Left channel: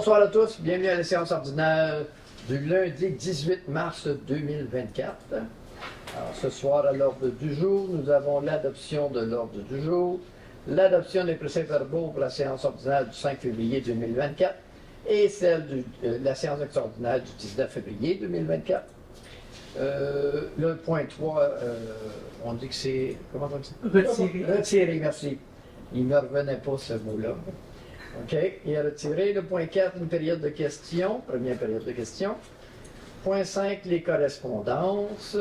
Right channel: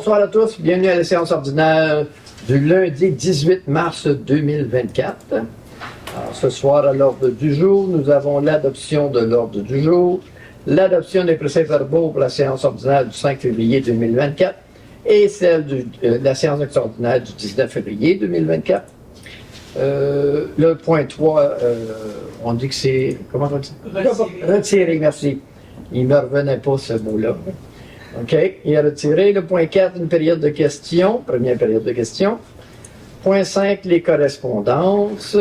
Bonsoir à tous, bienvenue à la séance ordinaire du lundi 18 mars 2024. Alors, ce soir, à l'ordre du jour, nous avons l'adoption de l'ordre du jour, l'adoption des procès-verbaux pour la séance ordinaire du 5 février 2024 et celle de la séance extraordinaire du 19 février 2024. Le point 3, on dit que c'est... Comment on dit? Retiré, merci. Il ne me revenait pas ce mot-là. OK, il a retiré. Le point 4, une période de questions, première période de questions. Point 5, les correspondances.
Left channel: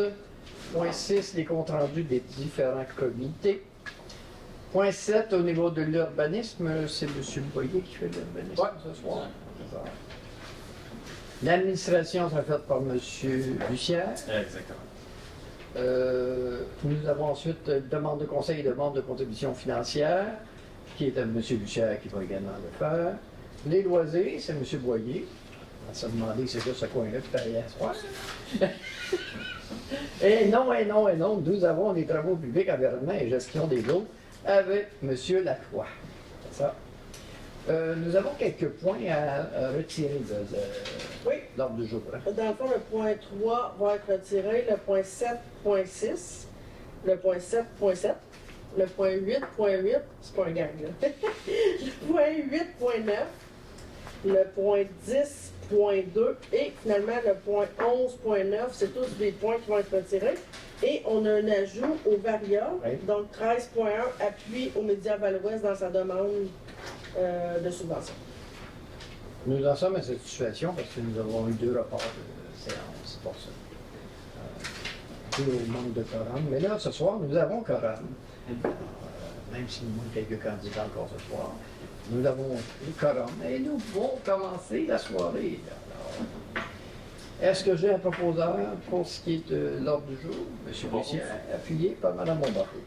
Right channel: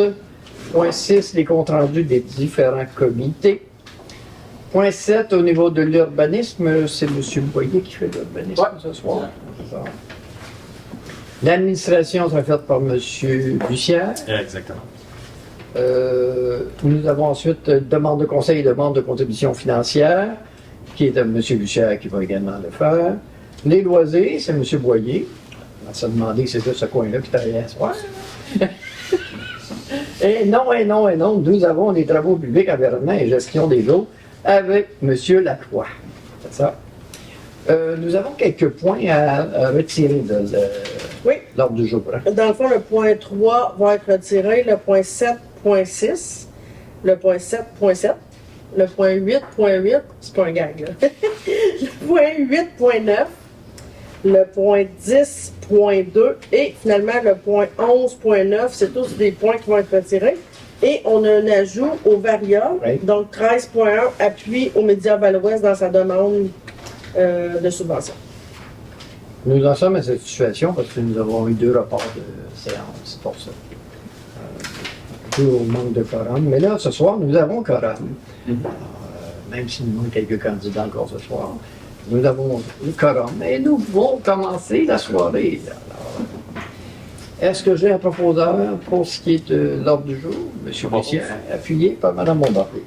Point 6, les comptes rendus des différents comités. Point 7, au niveau de l'urbanisme, c'est M. Boyer qui fait l'urbanisme ce soir. L'administration sera faite par M. Bussière. Exactement. Nous avons ensuite demande de conseil et demande de contribution financière, qui est de M. Bussière qui va également le faire. Les loisirs, c'est M. Boyer. On s'est demandé si c'est ce coin-là qui travaillait à soir. Et non, nous avons les travaux publics, environnement et gestion des eaux avec M. Lacroix. C'est ça. Nous avons quelques points à retirer de l'ordre du jour. Hein? Dans le fond, le point 3 va être retiré, le point 7.6, le point 7.7, le point 8.8, c'est pas un gag, là. Le point 8.9, le point 10.2 et finalement le point 11.9, c'est tous des points qui vont être retirés. Et on a un ajout au variable, donc 13.1, appui aux médias Val-Ouest dans sa demande de subvention. Nous en sommes à cette situation parce que nous avons eu 2 reports de séance pour ça. Dû au manque de quorum. Mais là, ce soir, nous avons quorum. Même s'il nous manque quelques candidats encore ce soir, nous avons le quorum. Et nous pouvons commencer la soirée. Alors, est-ce que j'ai un proposeur pour ce qui est de l'ordre du jour? M. Bussière, appuyé par Mme Bombardier.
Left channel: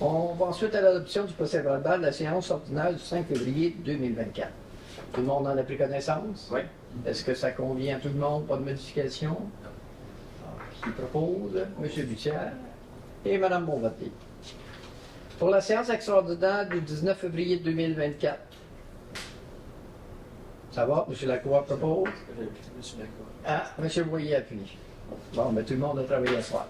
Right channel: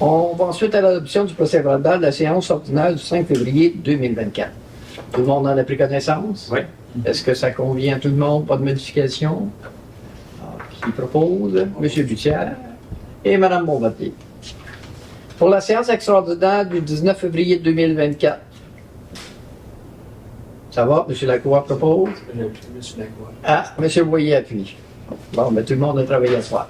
On va ensuite à l'adoption du procès-verbal de la séance ordinaire du 5 février 2024. Tout le monde en a pris connaissance? Oui. Est-ce que ça convient à tout le monde? Pas de modification? Alors, qui propose? M. Bussière et Mme Bombardier. Pour la séance extraordinaire du 19 février 2024. Ça va? M. Lacroix propose? M. Lacroix. Ah, M. Boyer appuie. Bon, mais tout le monde a travaillé ce soir.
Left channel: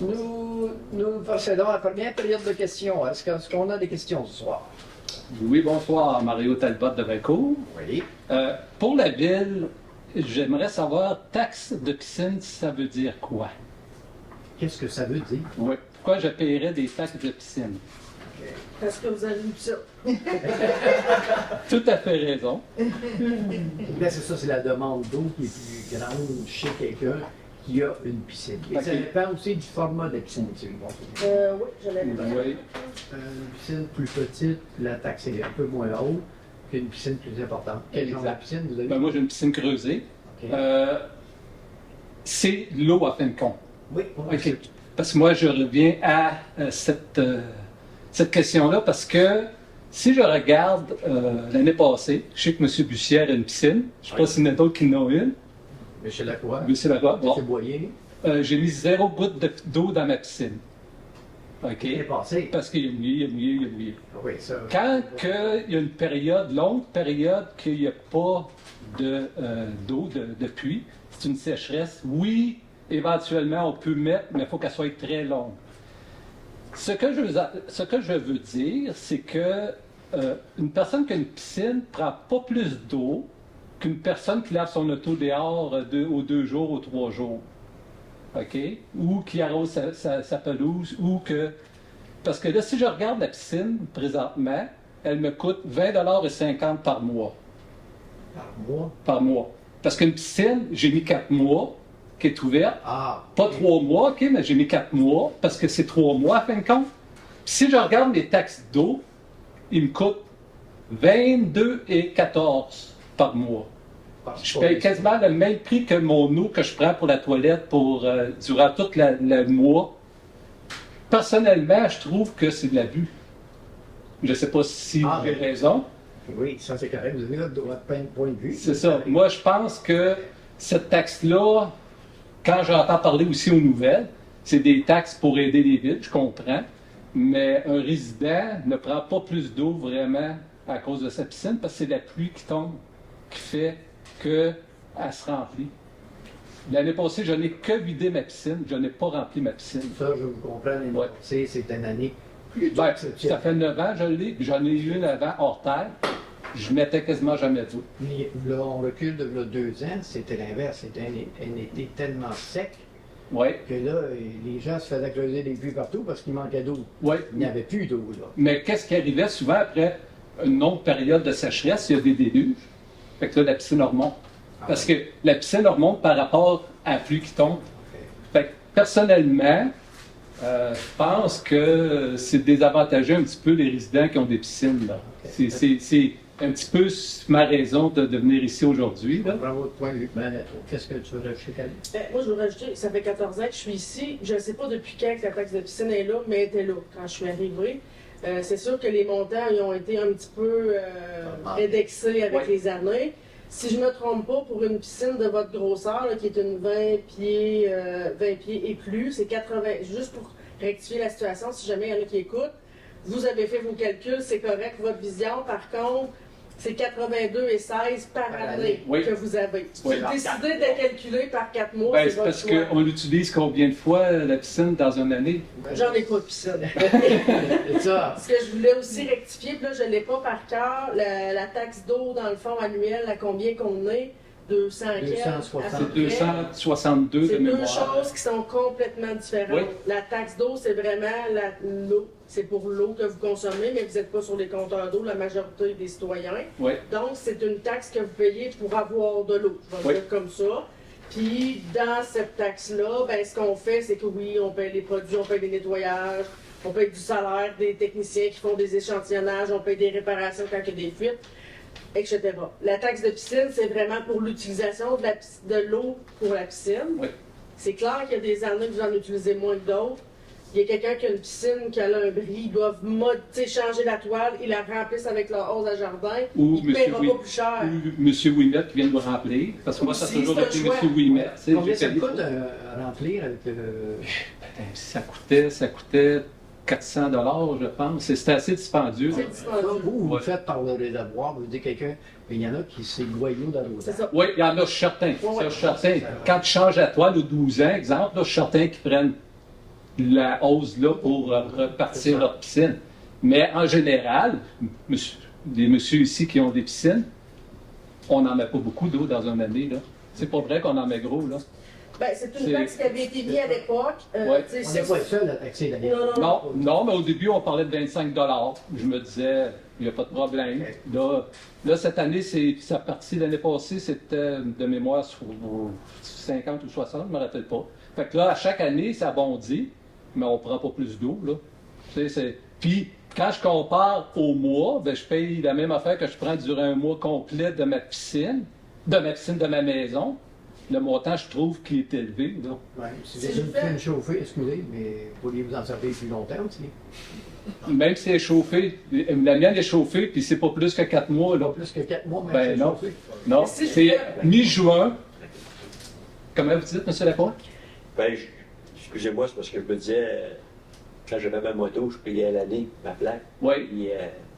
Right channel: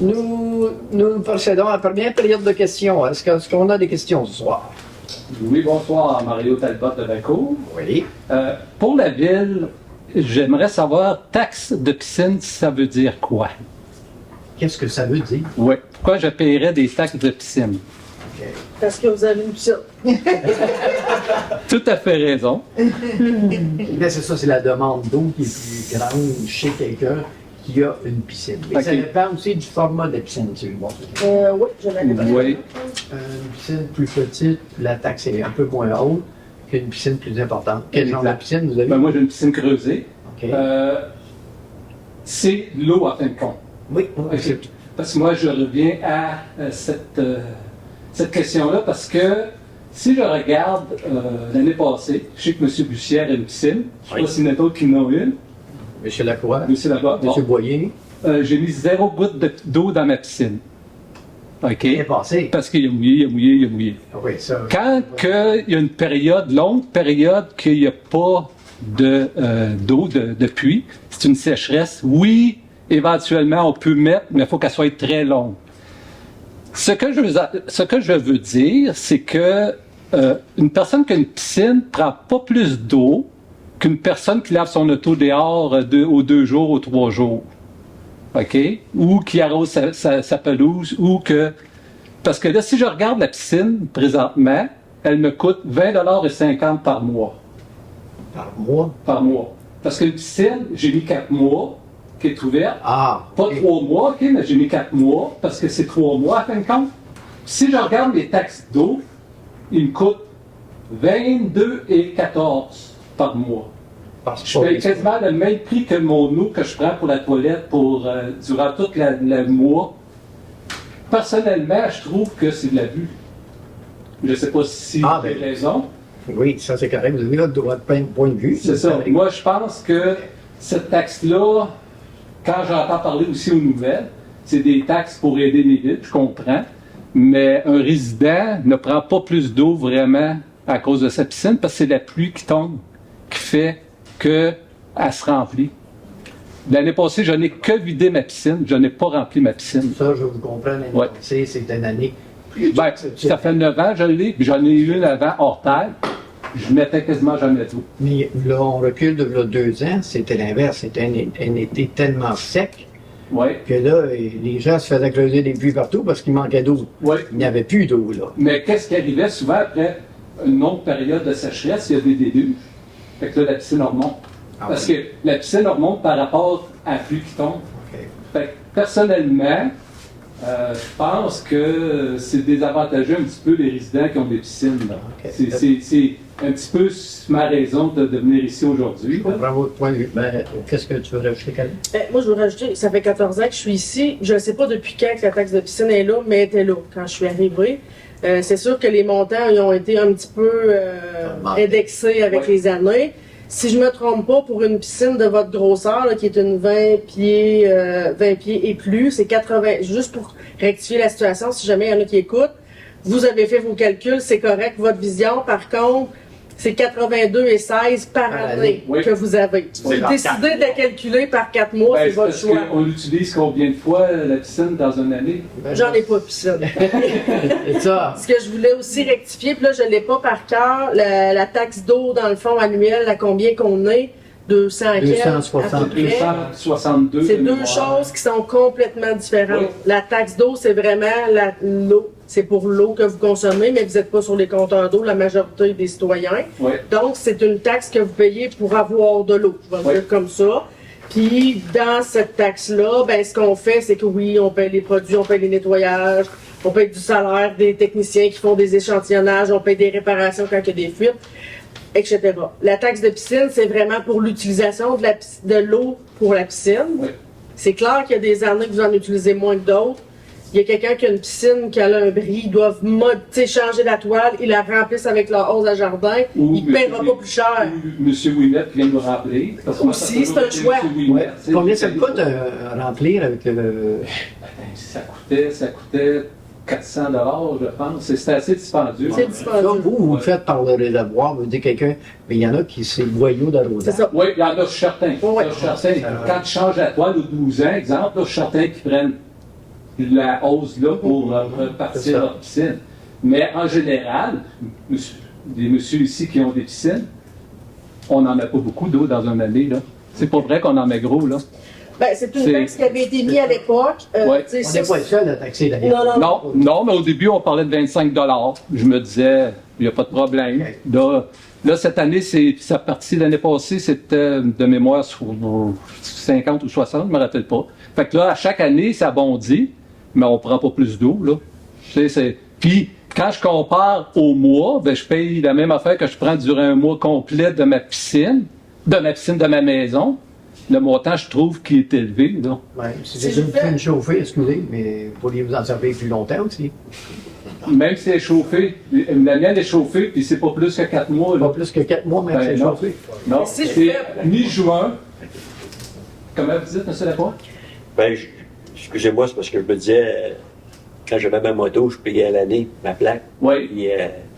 Nous procédons à la première période de questions. Est-ce qu'on a des questions ce soir? Oui, bonsoir, Mario Talbot de Vancouver. Oui. Pour la ville, j'aimerais savoir, taxe de piscine, ça veut dire quoi? Qu'est-ce que ça veut dire? Oui. Pourquoi je paierais des taxes de piscine? Parce que vous avez une piscine. Tout à fait raison. Bien, c'est ça, c'est la demande d'eau qui est plus grande chez quelqu'un qui a une piscine. Mais ça dépend aussi du format de piscine, tu vois. Oui, je l'avais pas. Oui. Une piscine plus petite, la taxe est un peu moins haute qu'une piscine plus importante. Quel genre de piscine vous avez? Ben, moi, j'ai une piscine creusée. OK. C'est l'eau, à fin de compte. Oui, Okay. Parce que moi, je reviens à cette question-là parce que si je regarde l'année passée, je sais que M. Bussière a une piscine. Je ne sais pas s'il y en a d'autres qui en ont une. M. Lacroix. M. Lacroix. M. Boyer. J'ai mis 0 goutte d'eau dans ma piscine. OK? Il est passé. Parce qu'il a mouillé. Oui, ça. Quand il y a une période, longue période, qu'il n'y a pas d'eau de puits, c'est une sécheresse, oui, éventuellement, on peut mettre, mais il faut qu'elle soit très longue. Ce que je veux dire, c'est que une personne qui a une piscine ne prend pas plus d'eau qu'une personne qui lave son auto dehors aux 2 jours ou 3 jours. OK? Ou qui arrose sa pelouse, ou que... Parce que là, si je regarde la piscine, présentement, elle me coûte 20,50 $ par mois. Par mois? Par mois. Parce qu'une piscine, j'ai mis 4 mois, qui est ouverte. Ah! Pas 3 mois, OK, mais j'ai mis 4 mois, parce que c'est 3 mois, à fin de compte. Si je regarde les taxes d'eau, ils me coûtent 22,14 $ par mois. Je paye quasiment le même prix que mon eau que je prends pour la toilette durant tout le mois. Personnellement, je trouve que c'est de l'abus. Je ne sais pas si vous avez raison. Oui, ça c'est correct. Vous avez votre point de vue. C'est ça. Moi, je pense que cette taxe-là, quand j'entends parler aussi aux nouvelles, c'est des taxes pour aider les villes, je comprends, mais un résident ne prend pas plus d'eau vraiment à cause de sa piscine parce que c'est la pluie qui tombe qui fait qu'elle se remplit. L'année passée, je n'ai que vidé ma piscine, je n'ai pas rempli ma piscine. Ça, je vous comprends, l'année Ouais. passée, c'est une année. Ben, ça fait 9 ans, je l'ai, puis j'en ai eu une avant hors terre. Je mettais quasiment jamais d'eau. Mais là, on recule de là, 2 ans, c'était l'inverse. C'était un été tellement sec Oui, que là, les gens se faisaient creuser des puits partout parce qu'il manquait d'eau. oui. Il n'y avait plus d'eau, là. Mais qu'est-ce qui arrivait souvent après une longue période de sécheresse, il y a des déluges. Fait que là, la piscine remonte. Parce que la piscine remonte par rapport à la pluie qui tombe. OK. Fait que, personnellement, je pense que c'est désavantageux un petit peu les résidents qui ont des piscines. Là. Ok. C'est un petit peu ma raison de venir ici aujourd'hui. Je là. comprends votre point de vue. Ben, qu'est-ce que tu veux rajouter, Camille? Moi, je veux rajouter, ça fait 14 ans que je suis ici. Je ne sais pas depuis quand que la taxe de piscine est là, mais elle était là quand je suis arrivée. C'est sûr que les montants ils ont été un petit peu indexés avec Ouais. les années. Si je ne me trompe pas, pour une piscine de votre grosseur, là, qui est une 20 pieds et plus, c'est 80. Juste pour rectifier la situation, si jamais il y en a qui écoutent, vous avez fait vos calculs, c'est correct. Votre vision, par contre, c'est 82,16 par Par année année. Oui. que vous avez. Oui. Vous décidez de la calculer par 4 mois, Ben, c'est c'est votre parce choix. qu'on l'utilise combien de fois, la piscine, dans une année? Ben, J'en ai pas de piscine. C'est ça. Ce que je voulais aussi rectifier, puis là, je ne l'ai pas par cœur, la taxe d'eau, dans le fond, annuelle, à combien qu'on est? 200 quelques, 260. à peu près. 262 C'est de deux mémoire. choses qui sont complètement différentes. Oui. La taxe d'eau, c'est vraiment l'eau. C'est pour l'eau que vous consommez, mais vous n'êtes pas sur les compteurs d'eau, la majorité des citoyens. Oui. Donc, c'est une taxe que vous payez pour avoir de l'eau. Je vais Oui. dire comme ça. Puis, dans cette taxe-là, ben, ce qu'on fait, c'est que oui, on paye les produits, on paye les nettoyages, on paye du salaire des techniciens qui font des échantillonnages, on paye des réparations quand il y a des fuites, etc. La taxe de piscine, c'est vraiment pour l'utilisation de l'eau pour la piscine. Oui. C'est clair qu'il y a des années que vous en utilisez moins que d'autres. Il y a quelqu'un qui a une piscine, qui a un bris, ils doivent changer la toile, ils la remplissent avec leur hausse à jardin, Ou il ne paiera monsieur pas plus cher. Monsieur Ouimet vient de me rappeler. Parce que moi, ça a Aussi, toujours c'est un été choix. Monsieur Ouimet, Ouais. tu sais, Combien j'ai ça fait coûte des- à remplir avec le. Ben, ça coûtait 400 $, je pense. C'était assez dispendieux. C'est Ça, dispendieux. vous Ouais. faites par le réservoir, vous dites quelqu'un, mais il y en a qui c'est le boyau C'est d'arrosage. ça. Oui, il y en a certains. Oui. Ça, je suis certain. Quand tu changes la toile aux 12 ans, exemple, là, je suis certain qu'ils prennent la hausse là pour C'est repartir ça. leur piscine. Mais en général, des messieurs ici qui ont des piscines, on n'en met pas beaucoup d'eau dans une année. Là. C'est pas vrai qu'on en met gros. Là. Ben, c'est une C'est- taxe qui avait été mise à l'époque. Ouais. Tu sais, On ça, n'est pas le seul à taxer d'ailleurs. Non, non, non. Non, mais au début, on parlait de 25 $. Je me disais, il n'y a pas de problème. Ok. Là, cette année, ça partie l'année passée, c'était de mémoire sur 50 ou 60, je ne me rappelle pas. Fait que là, à chaque année, ça bondit, mais on ne prend pas plus d'eau, là. Tu sais, Puis, quand je compare au mois, ben, je paye la même affaire que je prends durant un mois complet de ma piscine de ma maison. Le montant, je trouve qu'il est élevé, là. Ouais, si Si j'ai je fais- une chauffée, excusez, mais vous pourriez vous en servir plus longtemps aussi. Même si elle est chauffée, la mienne est chauffée, puis c'est pas plus que 4 mois, Pas là. plus que 4 mois, même Ben, si c'est non. chauffé. Non, Mais si je c'est fais- mi-juin. Comment vous dites, M. Lapointe? Ben, excusez-moi, c'est parce que je me disais, quand j'avais ma moto, je payais à l'année ma plaque. Oui. Puis,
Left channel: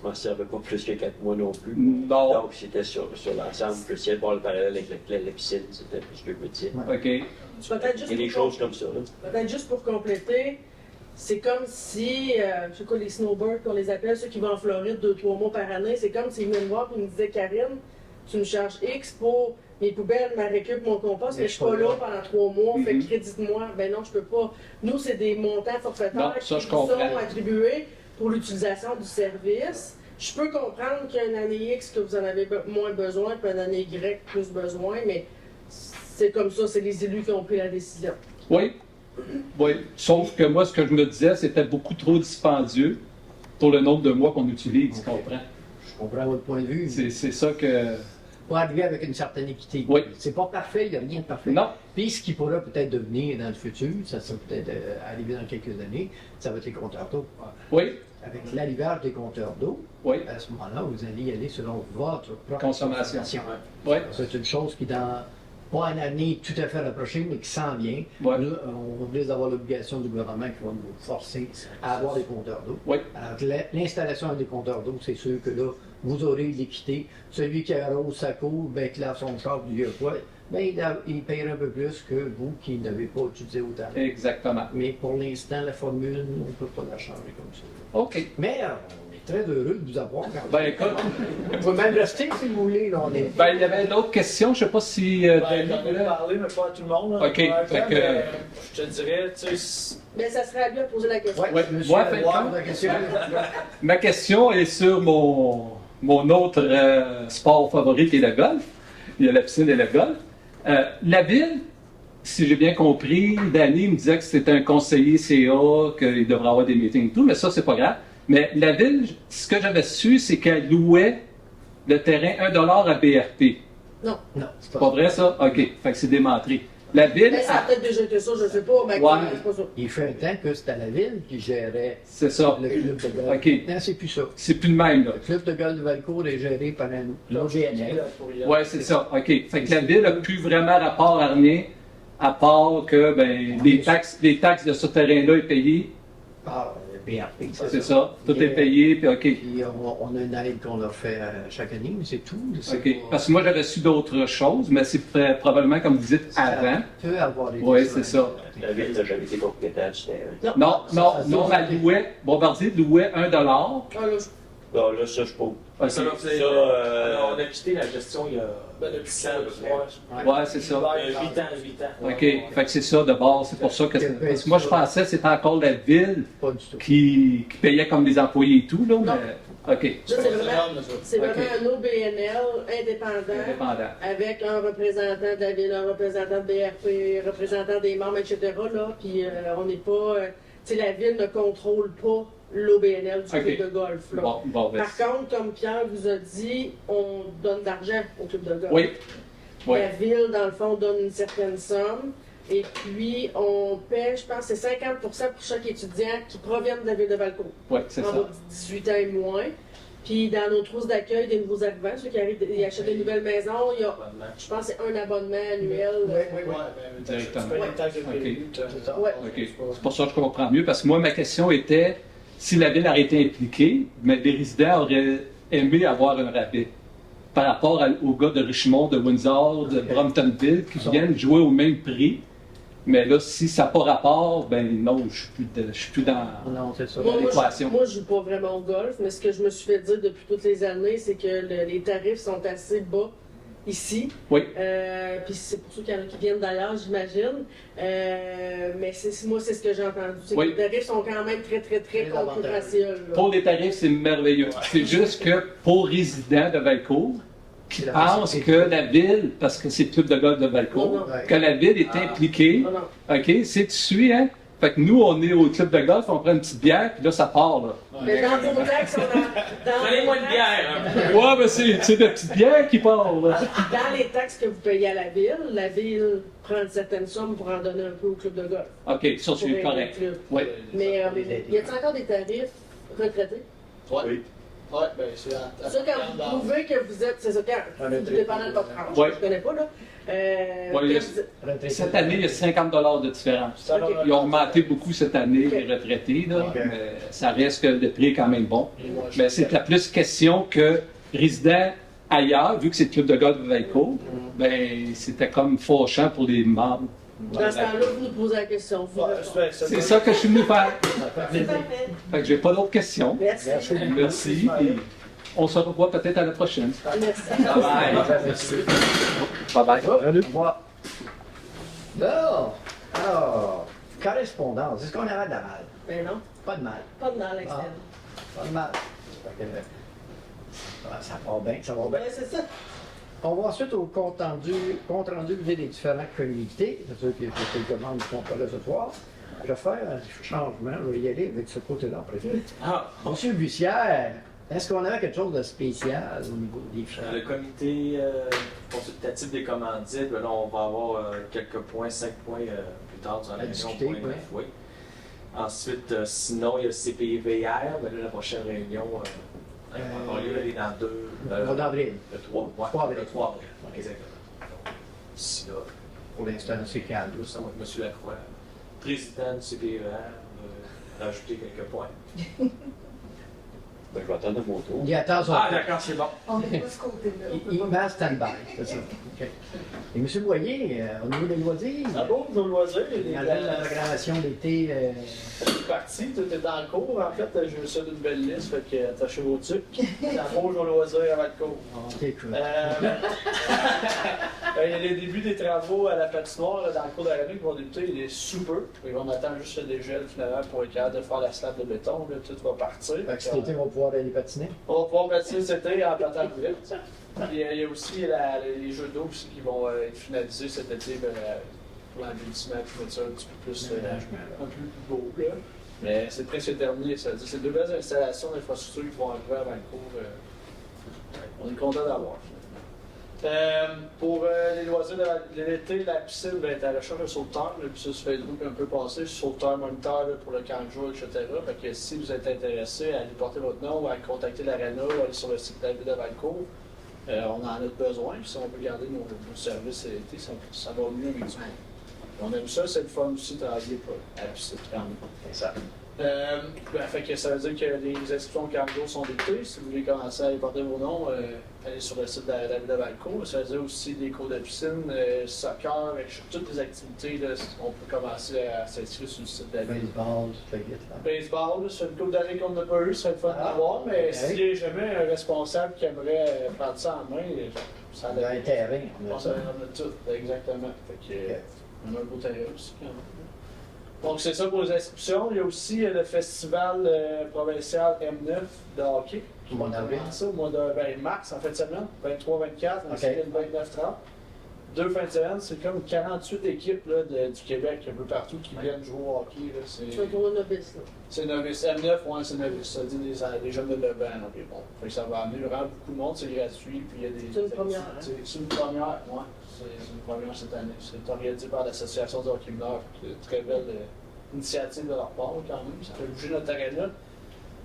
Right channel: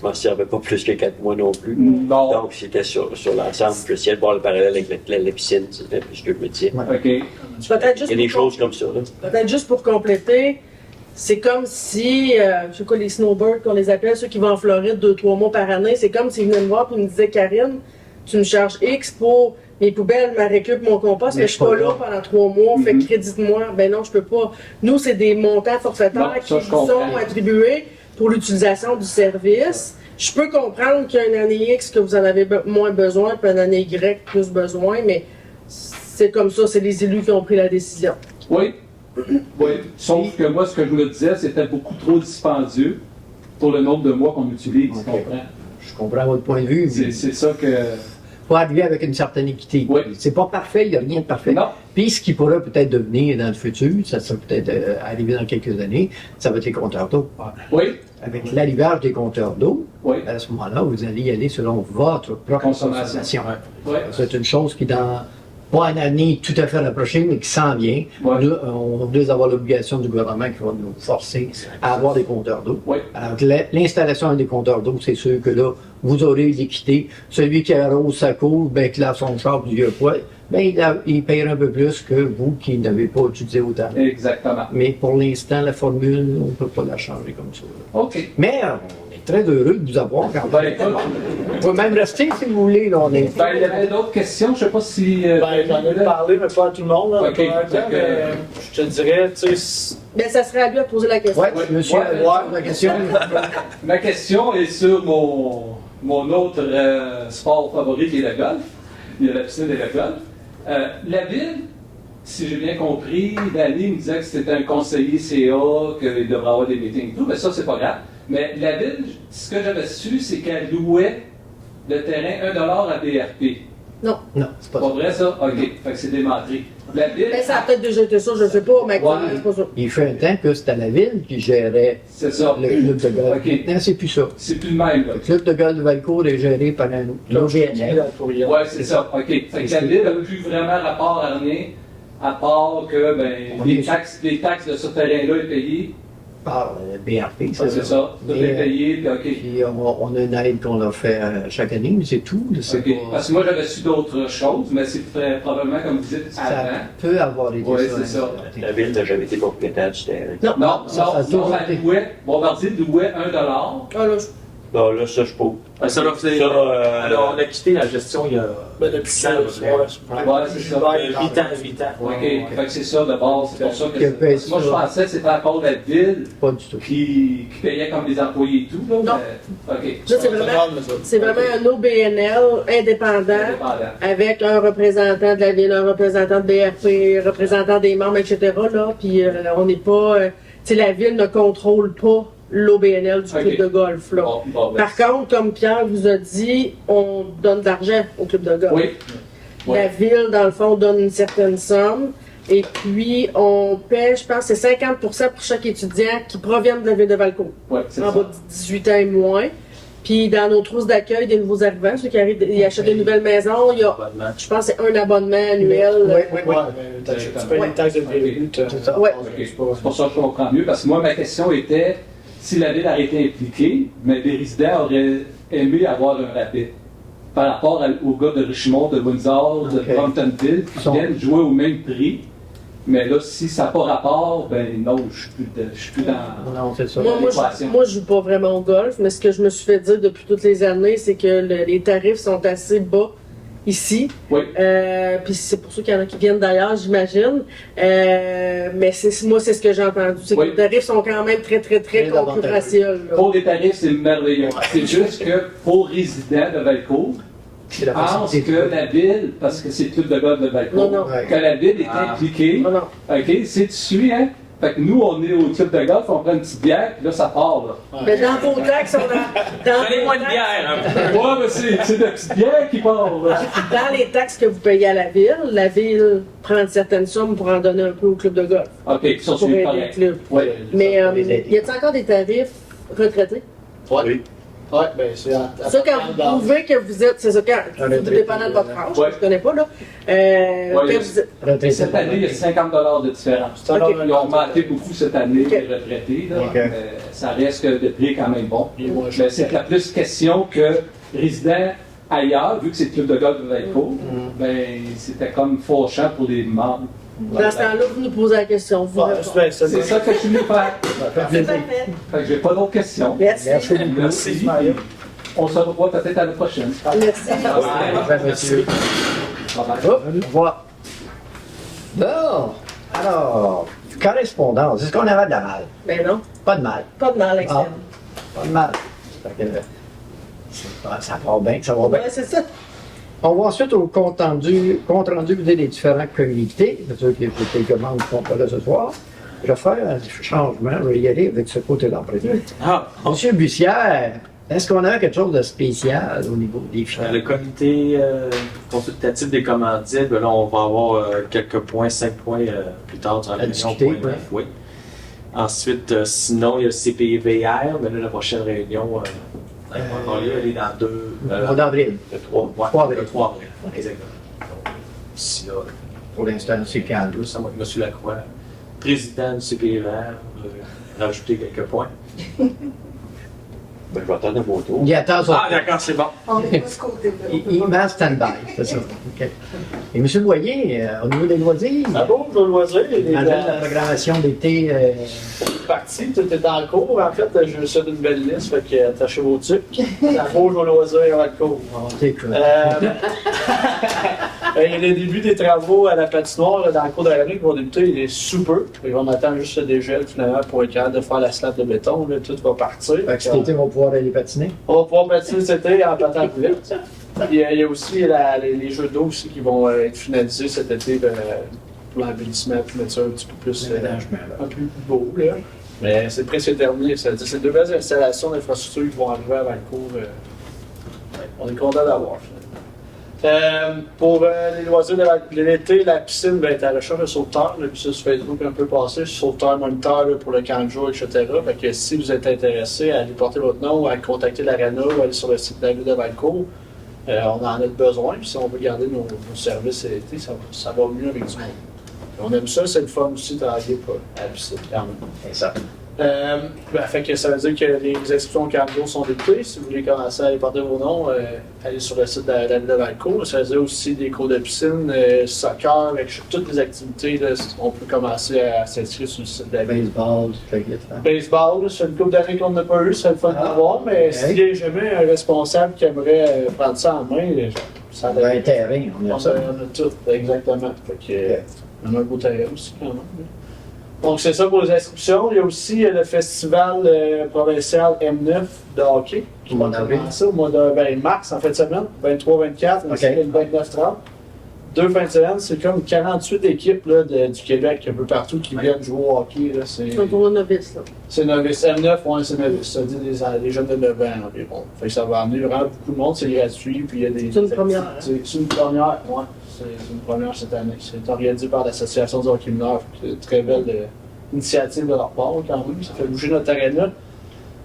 je m'en servais pas plus que 4 mois non plus. Non. Donc, c'était sur l'ensemble. J'essayais de voir le parallèle avec la piscine. C'était ce que je me disais. Ouais. OK. Peut-être juste Il y a des pour choses comme ça. Là. Peut-être juste pour compléter, c'est comme si, je sais quoi, les snowbirds qu'on les appelle, ceux qui vont en Floride 2-3 mois par année, c'est comme s'ils venaient me voir et me disaient, Karine, tu me charges X pour mes poubelles, ma récup, mon compost, mais je suis pas là pendant 3 mois, fait que crédite-moi. Ben non, je peux pas. Nous, c'est des montants forfaitaires Non, qui ça, nous je sont comprends. attribués pour l'utilisation du service. Je peux comprendre qu'il y a une année X que vous en avez moins besoin, puis une année Y plus besoin, mais c'est comme ça, c'est les élus qui ont pris la décision. Oui. Oui. Sauf que moi, ce que je me disais, c'était beaucoup trop dispendieux pour le nombre de mois qu'on utilise, tu Ok. comprends? Je comprends votre point de vue. mais C'est ça que... faut arriver avec une certaine équité. Oui. C'est pas parfait, il n'y a rien de parfait. Non. Puis ce qui pourrait peut-être devenir dans le futur, ça sera peut-être arriver dans quelques années, ça va être les compteurs d'eau. Oui. Avec l'arrivage des compteurs d'eau, Oui. à ce moment-là, vous allez y aller selon votre propre Consommation. consommation. Oui. C'est une chose qui, dans pas un avenir tout à fait rapproché, mais qui s'en vient. Ouais. Nous, on risque d'avoir l'obligation du gouvernement qui va nous forcer à avoir des compteurs d'eau. Oui. Alors, l'installation des compteurs d'eau, c'est sûr que là, vous aurez l'équité. Celui qui arrose sa cour, ben, qui lave son char du vieux poids, ben, il payera un peu plus que vous qui n'avez pas utilisé autant. Exactement. Mais pour l'instant, la formule, on ne peut pas la changer comme ça. OK. Mais on est très heureux de vous avoir quand Ben, même. écoute, Vous pouvez même rester si vous voulez. Là, on est... ben, il y avait d'autres questions. Je ne sais pas si. Ben, j'en ai parlé, mais pas à tout le monde. Là, Ok, probablement, fait que- mais je te dirais, tu sais, Ben, ça serait à lui de poser la question. Ouais, monsieur, Ouais, avec ouais. la question. Ma question est sur mon autre sport favori qui est le golf. Il y a la piscine et le golf. La ville, si j'ai bien compris, Danny me disait que c'était un conseiller CA, qu'il devrait avoir des meetings et tout, mais ça, c'est pas grave. Mais la ville, ce que j'avais su, c'est qu'elle louait le terrain 1 $ à BRP. Non. Non, c'est C'est pas pas vrai, ça? OK. Fait que c'est démentré. La ville, Ben, ça a peut-être déjà été ça, je ne sais pas, mais Ouais. c'est pas ça. Il fait un temps que c'était la ville qui gérait c'est ça. le club de golf. OK. Maintenant, c'est plus ça. C'est plus le même, là. Le club de golf de Valcourt est géré par un OGNL. Ouais, c'est ça. OK. Fait que la ville n'a plus vraiment rapport à rien, à part que ben, les taxes de ce terrain-là est payées. Par BRP. C'est ça. Tout Mais, est payé, puis OK. Puis on a une aide qu'on leur fait chaque année, mais c'est tout. C'est OK. pas- Parce que moi, j'avais su d'autres choses, mais c'est probablement, comme vous dites, ça avant. peut avoir été Ouais, c'est ça. La ville n'a jamais été propriétaire du terrain. Non. Non, ça a non, toujours non, été. elle louait, Bombardier louait 1 $. Ah, là, Non, là, ça, je peux. Ouais, ça, là, c'est- on a quitté la gestion il y a Ben, depuis 10 ans, à peu près. Ouais, c'est ça. 8 ans, 8 ans. OK. Fait que c'est ça de base. C'est pour ça que. Quel Parce que moi, je ça. pensais que c'était encore la ville Pas du tout. qui payait comme des employés et tout, là. Non. Mais, OK. ça, c'est vraiment un OBNL indépendant Indépendant. avec un représentant de la ville, un représentant de BRP, représentant des membres, etc. Là, puis on n'est pas. Tu sais, la ville ne contrôle pas l'OBNL du Ok. club de golf. Là. Bon, ben, Par contre, comme Pierre vous a dit, on donne de l'argent au club de golf. oui. Oui. La ville, dans le fond, donne une certaine somme. Et puis, on paie, je pense, c'est 50% pour chaque étudiant qui provient de la ville de Valcourt, Oui, c'est en ça. bas de 18 ans et moins. Puis, dans nos trousses d'accueil des nouveaux arrivants, ceux qui arrivent, ils achètent des nouvelles maisons, il y a, je pense, c'est un abonnement annuel. Oui, oui, oui. Ouais, mais tu payes les taxes de début. C'est ça. Ouais. OK. C'est pour ça que je comprends mieux, parce que moi, ma question était si la ville aurait été impliquée, mais les résidents auraient aimé avoir un rabais par rapport aux gars de Richmond, de Windsor, de Ok. Bromptonville, qui Sont- viennent jouer au même prix. Mais là, si ça n'a pas rapport, ben non, je suis plus dans. Non, c'est ça. l'équation. Moi, je joue pas vraiment au golf, mais ce que je me suis fait dire depuis toutes les années, c'est que les tarifs sont assez bas ici. Oui. Puis c'est pour ceux qu'il y en a qui viennent d'ailleurs, j'imagine. Mais moi, c'est ce que j'ai entendu. C'est Oui. que les tarifs sont quand même très, très, très Très concurrentiels. là. Pour les tarifs, c'est merveilleux. C'est juste que pour résidents de Valcourt, qui C'est la pensent facilité. que la ville, parce que c'est le club de golf de Valcourt, Non, non. Ouais. que la ville est Ah. impliquée. Non, non. OK, c'est tu suis, hein? Fait que nous, on est au club de golf, on prend une petite bière, puis là, ça part, là. Mais dans vos taxes, Donnez-moi une bière. hein. Ouais, mais c'est de petite bière qui part, là. dans les taxes que vous payez à la ville prend une certaine somme pour en donner un peu au club de golf. OK, ça, Pour c'est aider le correct. club. Ouais. Mais les aider. y a-t-il encore des tarifs retraités? Oui. Ouais, ben c'est Ça, quand vous prouvez que vous êtes, c'est ça, quand, Un retraité, dépendant de votre âge, Ouais. je connais pas, là. Ouais, Quand il y a- vous êtes- Retraité. Cette année, il y a 50 $ de différence. Ok. Ils ont augmenté beaucoup cette année, Ok. les retraités, là. Ok. Mais ça reste que le prix est quand même bon. Et moi, Mais c'est la plus question que résidents ailleurs, vu que c'est le club de golf de Valcourt, ben, c'était comme fauchant pour les membres. Dans ce temps-là, vous nous posez la question. Vous répondez. C'est ça que je suis venu faire. Ça fait plaisir. Fait que j'ai pas d'autres questions. Merci. Merci beaucoup. Merci. puis On se revoit peut-être à la prochaine. Merci. Au revoir, monsieur. Bye bye. Au revoir. Bon, alors, correspondance. Est-ce qu'on avait de la mal? Ben non, Pas de mal. pas de mal, externe. Pas de mal. Fait que, ça part bien, ça va bien. Ouais, c'est ça. On va ensuite au compte rendu des différents comités. C'est sûr qu'il y a quelques membres qui sont pas là ce soir. Je vais faire un changement. Je vais y aller avec ce côté-là après. Ah, Monsieur Bussière, est-ce qu'on a quelque chose de spécial au niveau des finances? le comité consultatif des commandites, ben là, on va avoir quelques points, 5 points plus tard dans la À réunion. discuter, point ouais. 9, oui. Ensuite, sinon, il y a le CPVR, mais là, la prochaine réunion, elle va avoir lieu, elle est dans 2. Au mois d'avril. Le 3. Ouais, 3 avril. le 3 avril. Exactement. d'ici là. Pour l'instant, c'est calme. Ça va être M. Lacroix, président du CPVR, rajouter quelques points. Ben, je vais attendre mon tour. Il attend son... Ah, d'accord, c'est bon. On est pas ce côté-là. Il met en stand-by, c'est ça. OK. Et M. Boyer, au niveau des loisirs, Ah bon, le loisir, malgré la programmation d'été, parti, tout est en cours. En fait, j'ai ça d'une belle liste, fait que attachez vos trucs. La rouge au loisir avant le cours. c'est cool. Il y a le début des travaux à la patinoire là, dans le cours de l'année qui vont débuter. Il est sous peu. On attend juste le dégel finalement pour être capable de faire la slab de béton. Là, tout va partir. Fait que cet été, on va pouvoir aller patiner. On va pouvoir patiner cet été en patin à roulette. Il y a aussi les jeux d'eau aussi qui vont être finalisés cet été pour l'embellissement, puis mettre ça un petit peu plus, un peu plus beau. Là. Mais c'est presque terminé. C'est deux belles installations d'infrastructures qui vont arriver avant le cours. On est content d'avoir. Pour les loisirs de l'été, la piscine va être à la recherche de sauveteurs. Puis ça, sur Facebook un peu passé, sauveteur moniteur là, pour le camp de jour, etc. Fait que si vous êtes intéressé à aller porter votre nom, à contacter l'Arena ou aller sur le site de la ville de Valcourt, on en a besoin. Puis si on veut garder nos services cet été, ça va mieux avec du monde. On aime ça, c'est le fun aussi de travailler à la piscine. Quand même. C'est ça. Fait que ça veut dire que les inscriptions au camp de jour sont débutées. Si vous voulez commencer à aller porter vos noms, allez sur le site de la ville de Valcourt. Ça veut dire aussi des cours de piscine, soccer, avec toutes les activités. Là, on peut commencer à s'inscrire sur le site de la ville. Baseball, tout le kit, hein. Baseball, c'est une couple d'années qu'on n'a pas eu, c'est le fun de voir, mais ok. s'il y a jamais un responsable qui aimerait prendre ça en main, ça On a un terrain, on on a ça. a tout, exactement. Fait que, on a un beau terrain aussi quand même. Donc c'est ça pour les inscriptions. Il y a aussi le festival provincial M9 de hockey qui Au va mois d'avril. commencer au mois de mars, en fin de semaine, 23-24, ainsi Ok. que le 29-30. Deux fins de semaine, c'est comme 48 équipes là, du Québec, un peu partout, qui viennent jouer au hockey. Là, C'est un tournoi novice, là. c'est novice. M9, ouais, c'est novice. Ça dit les jeunes de 9 ans environ. Fait que ça va amener vraiment beaucoup de monde, c'est gratuit. Puis il y a des C'est une première, hein? C'est une première, ouais. C'est une première cette année. C'est organisé par l'Association du hockey mineur. C'est une très belle initiative de leur part quand même. Ça fait bouger notre aréna.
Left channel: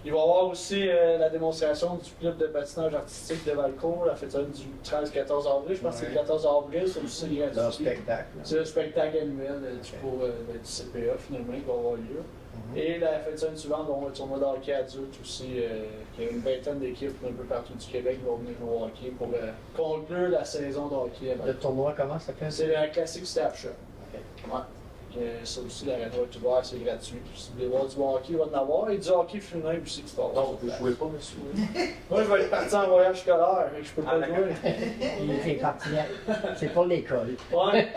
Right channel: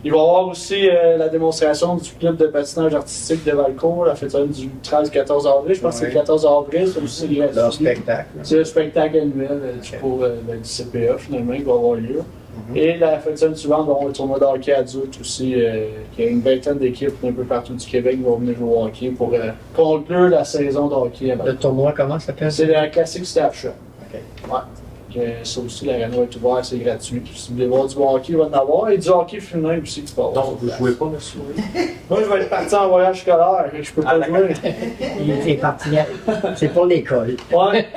Il va y avoir aussi la démonstration du club de patinage artistique de Valcourt, la fête du 13-14 avril. Je pense que c'est le 14 avril, c'est aussi gratuit. Leur spectacle. C'est le spectacle annuel pour du CPA finalement qui va avoir lieu. Et la fin de semaine suivante, on va avoir le tournoi de hockey adulte aussi, qui a une vingtaine d'équipes un peu partout du Québec qui vont venir jouer au hockey pour conclure la saison de hockey. à Valcourt. Le tournoi, comment ça s'appelle? C'est la classique staff shop. OK. Ouais. Ça aussi, l'aréna va être ouverte, c'est gratuit. Puis si vous voulez voir du bon hockey, il va en avoir. Et du hockey féminin aussi qui va avoir. Donc, vous ne jouez pas, monsieur? Moi, je vais être parti en voyage scolaire, fait que je peux pas jouer. Il est parti. C'est pour l'école. Ouais.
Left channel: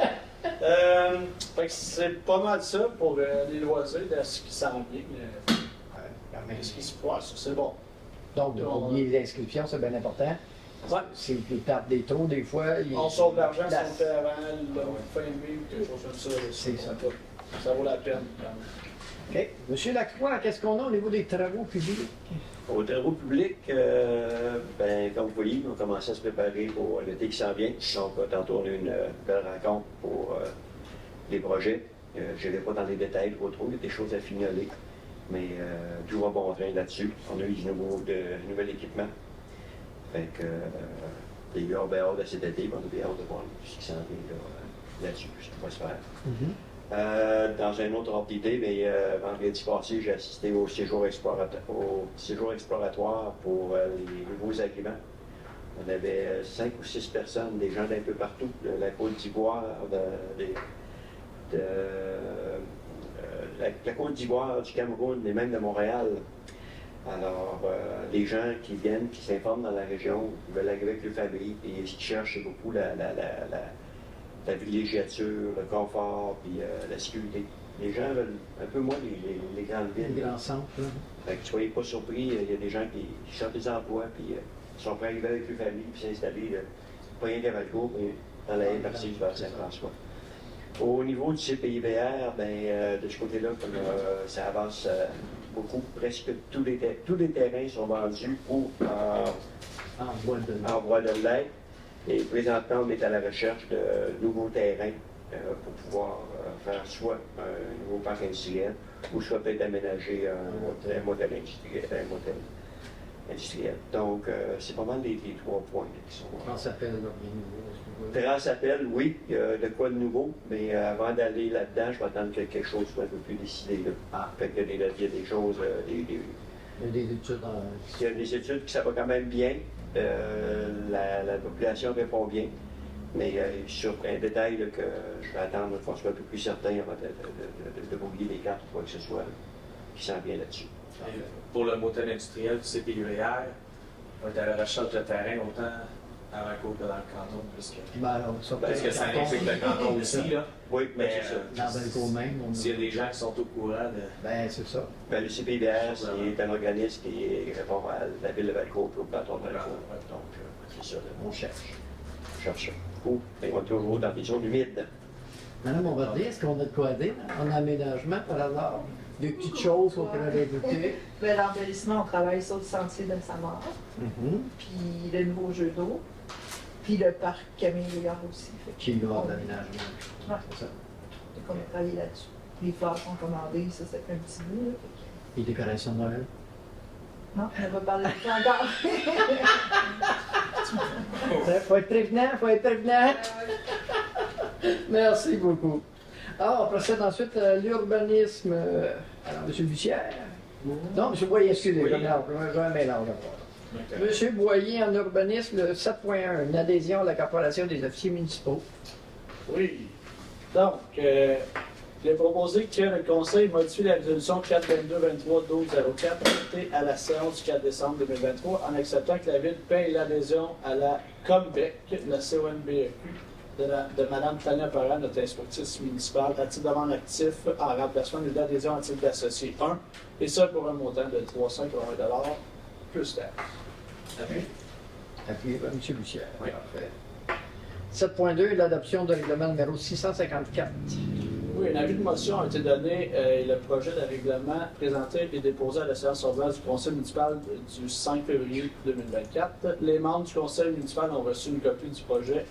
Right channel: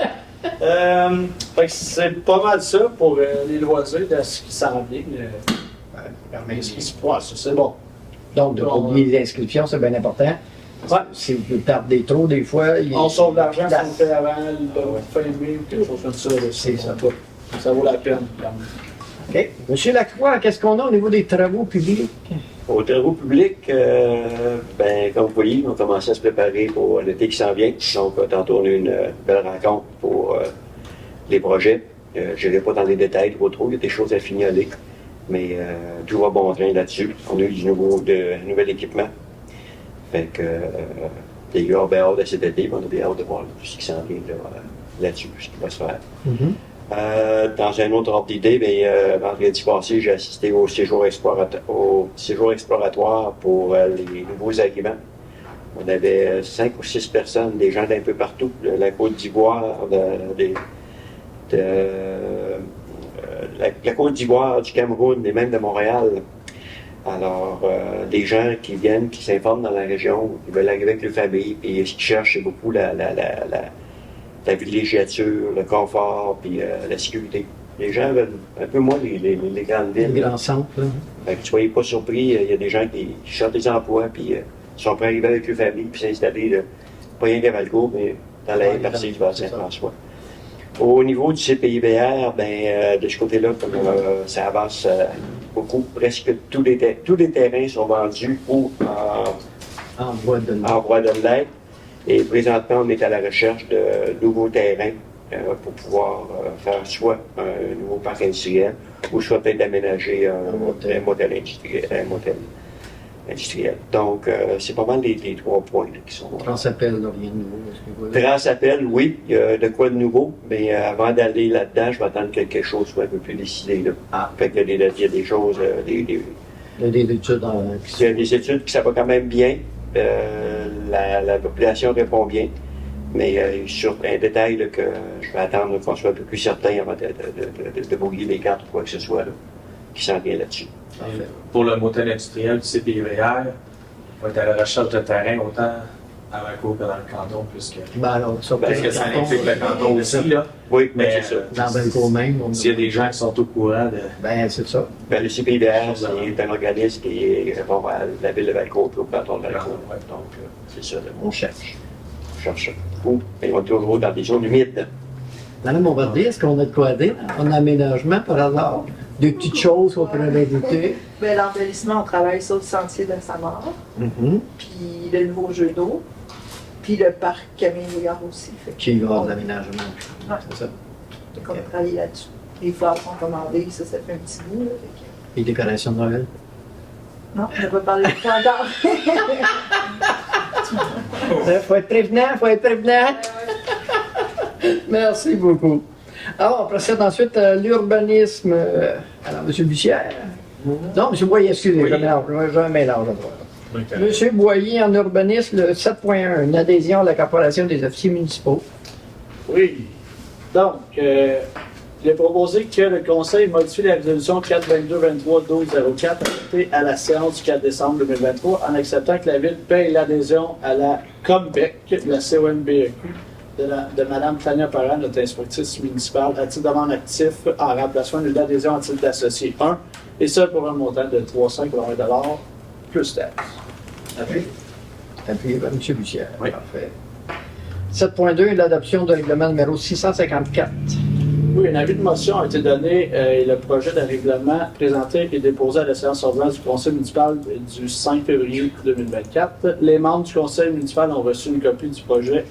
Fait que c'est pas mal ça pour les loisirs de ce qui s'en vient. Permet- Ouais, ça c'est bon. Donc, de ne pas oublier les inscriptions, c'est bien important. Ouais. Si vous tardez trop, des fois, On sauve de l'argent si on le place. fait avant le fin mai ou quelque chose comme ça. Là, C'est ça. Ça vaut la peine. OK. Monsieur Lacroix, qu'est-ce qu'on a au niveau des travaux publics? Aux travaux publics, ben, comme vous voyez, on commence à se préparer pour l'été qui s'en vient. Donc, tantôt, on a eu une belle rencontre pour les projets. Je n'irai pas dans les détails trop trop, il y a des choses à fignoler. Mais tout va bon train là-dessus. On a eu du nouvel équipement. Fait que les gars ont bien hâte de cet été, puis on a bien hâte de voir ce qui s'en vient là-dessus, ce qui va se faire. Dans un autre ordre d'idée, vendredi passé, j'ai assisté au séjour exploratoire pour les nouveaux arrivants. On avait 5 ou 6 personnes, des gens d'un peu partout, de la Côte d'Ivoire, la Côte d'Ivoire, du Cameroun et même de Montréal. Alors, des gens qui viennent, qui s'informent dans la région, qui veulent arriver avec leur famille, et ce qu'ils cherchent, c'est beaucoup la villégiature, le confort, puis la sécurité. Les gens veulent un peu moins les grandes villes. Les grands centres, là. Fait que soyez pas surpris, il y a des gens qui cherchent des emplois, puis sont prêts à arriver avec leur famille, puis s'installer, pas rien qu'à Valcourt, mais dans la haie partie de Saint-François. Au niveau du CPIVR, de ce côté-là, ça avance beaucoup. Presque tous les terrains sont vendus ou En bois de en voie de l'être. Et présentement, on est à la recherche de nouveaux terrains pour pouvoir faire soit un nouveau parc industriel ou soit peut-être aménager un motel industriel. industrielle. Donc, c'est pas mal les 3 points là, qui sont. Transappel, là, rien de nouveau à ce niveau-là. Transappel, oui, il y a de quoi de nouveau, mais avant d'aller là-dedans, je vais attendre que quelque chose soit un peu plus décidé. Là. Ah. Fait que il y a des choses, Il y a des études il y a des études qui ça va quand même bien. La population répond bien. Mais sur un détail là, que je vais attendre qu'on soit un peu plus certain avant de brouiller les cartes ou quoi que ce soit, là, qui s'en vient là-dessus. Parfait. Pour le motel industriel du CPVR, on va être à la recherche de terrain autant à Vaco que dans le canton, puisque Ben alors, ça peut parce que ça implique le canton aussi, là. Oui, mais Mais c'est ça. Dans Belco même. s'il y a des gens qui sont au courant de. Ben, c'est ça. Ben, le CPVR, c'est un organisme qui répond à la ville de Valcourt et au canton de Valcourt. Ouais. Donc, c'est ça, là, On cherche. on cherche ça. Cool. Mais on est toujours dans des zones humides. Madame Bombardier, est-ce qu'on a de quoi dire en aménagement par hasard? Des petites choses qu'on pourrait ajouter? Ben, l'embellissement, on travaille sur le sentier de Samar, puis le nouveau jeu d'eau, puis le parc Camille Rouillard aussi. Fait Qui va avoir de l'aménagement. Ouais. C'est ça. qu'on a travaillé là-dessus. Les fleurs sont commandées, ça fait un petit bout. Là, Et décoration de Noël? non, on n'a pas parlé de ça encore. Faut être prévenant. Merci beaucoup. Alors, on procède ensuite à l'urbanisme. Alors, M. Bussière. Non, M. Boyer, excusez, Oui. j'ai un mélange. M. Boyer, en urbanisme, le 7.1, une adhésion à la Corporation des officiers municipaux. Oui. Donc, il est proposé que le Conseil modifie la résolution 422-23-12-04 adoptée à la séance du 4 décembre 2023 en acceptant que la Ville paye l'adhésion à la COMBEC, la CONBEQ, de Mme Tania Parent, notre inspectrice municipale, à titre d'amende actif en remplacement d'une adhésion à titre d'associé 1, et ça pour un montant de 380 $ plus taxes. Appuyé par M. Bussière. Oui. Parfait. 7.2, l'adoption de règlement numéro 654. Oui, un avis de motion a été donné et le projet de règlement présenté et déposé à la séance ordinaire du Conseil municipal du 5 février 2024. Les membres du Conseil municipal ont reçu une copie du projet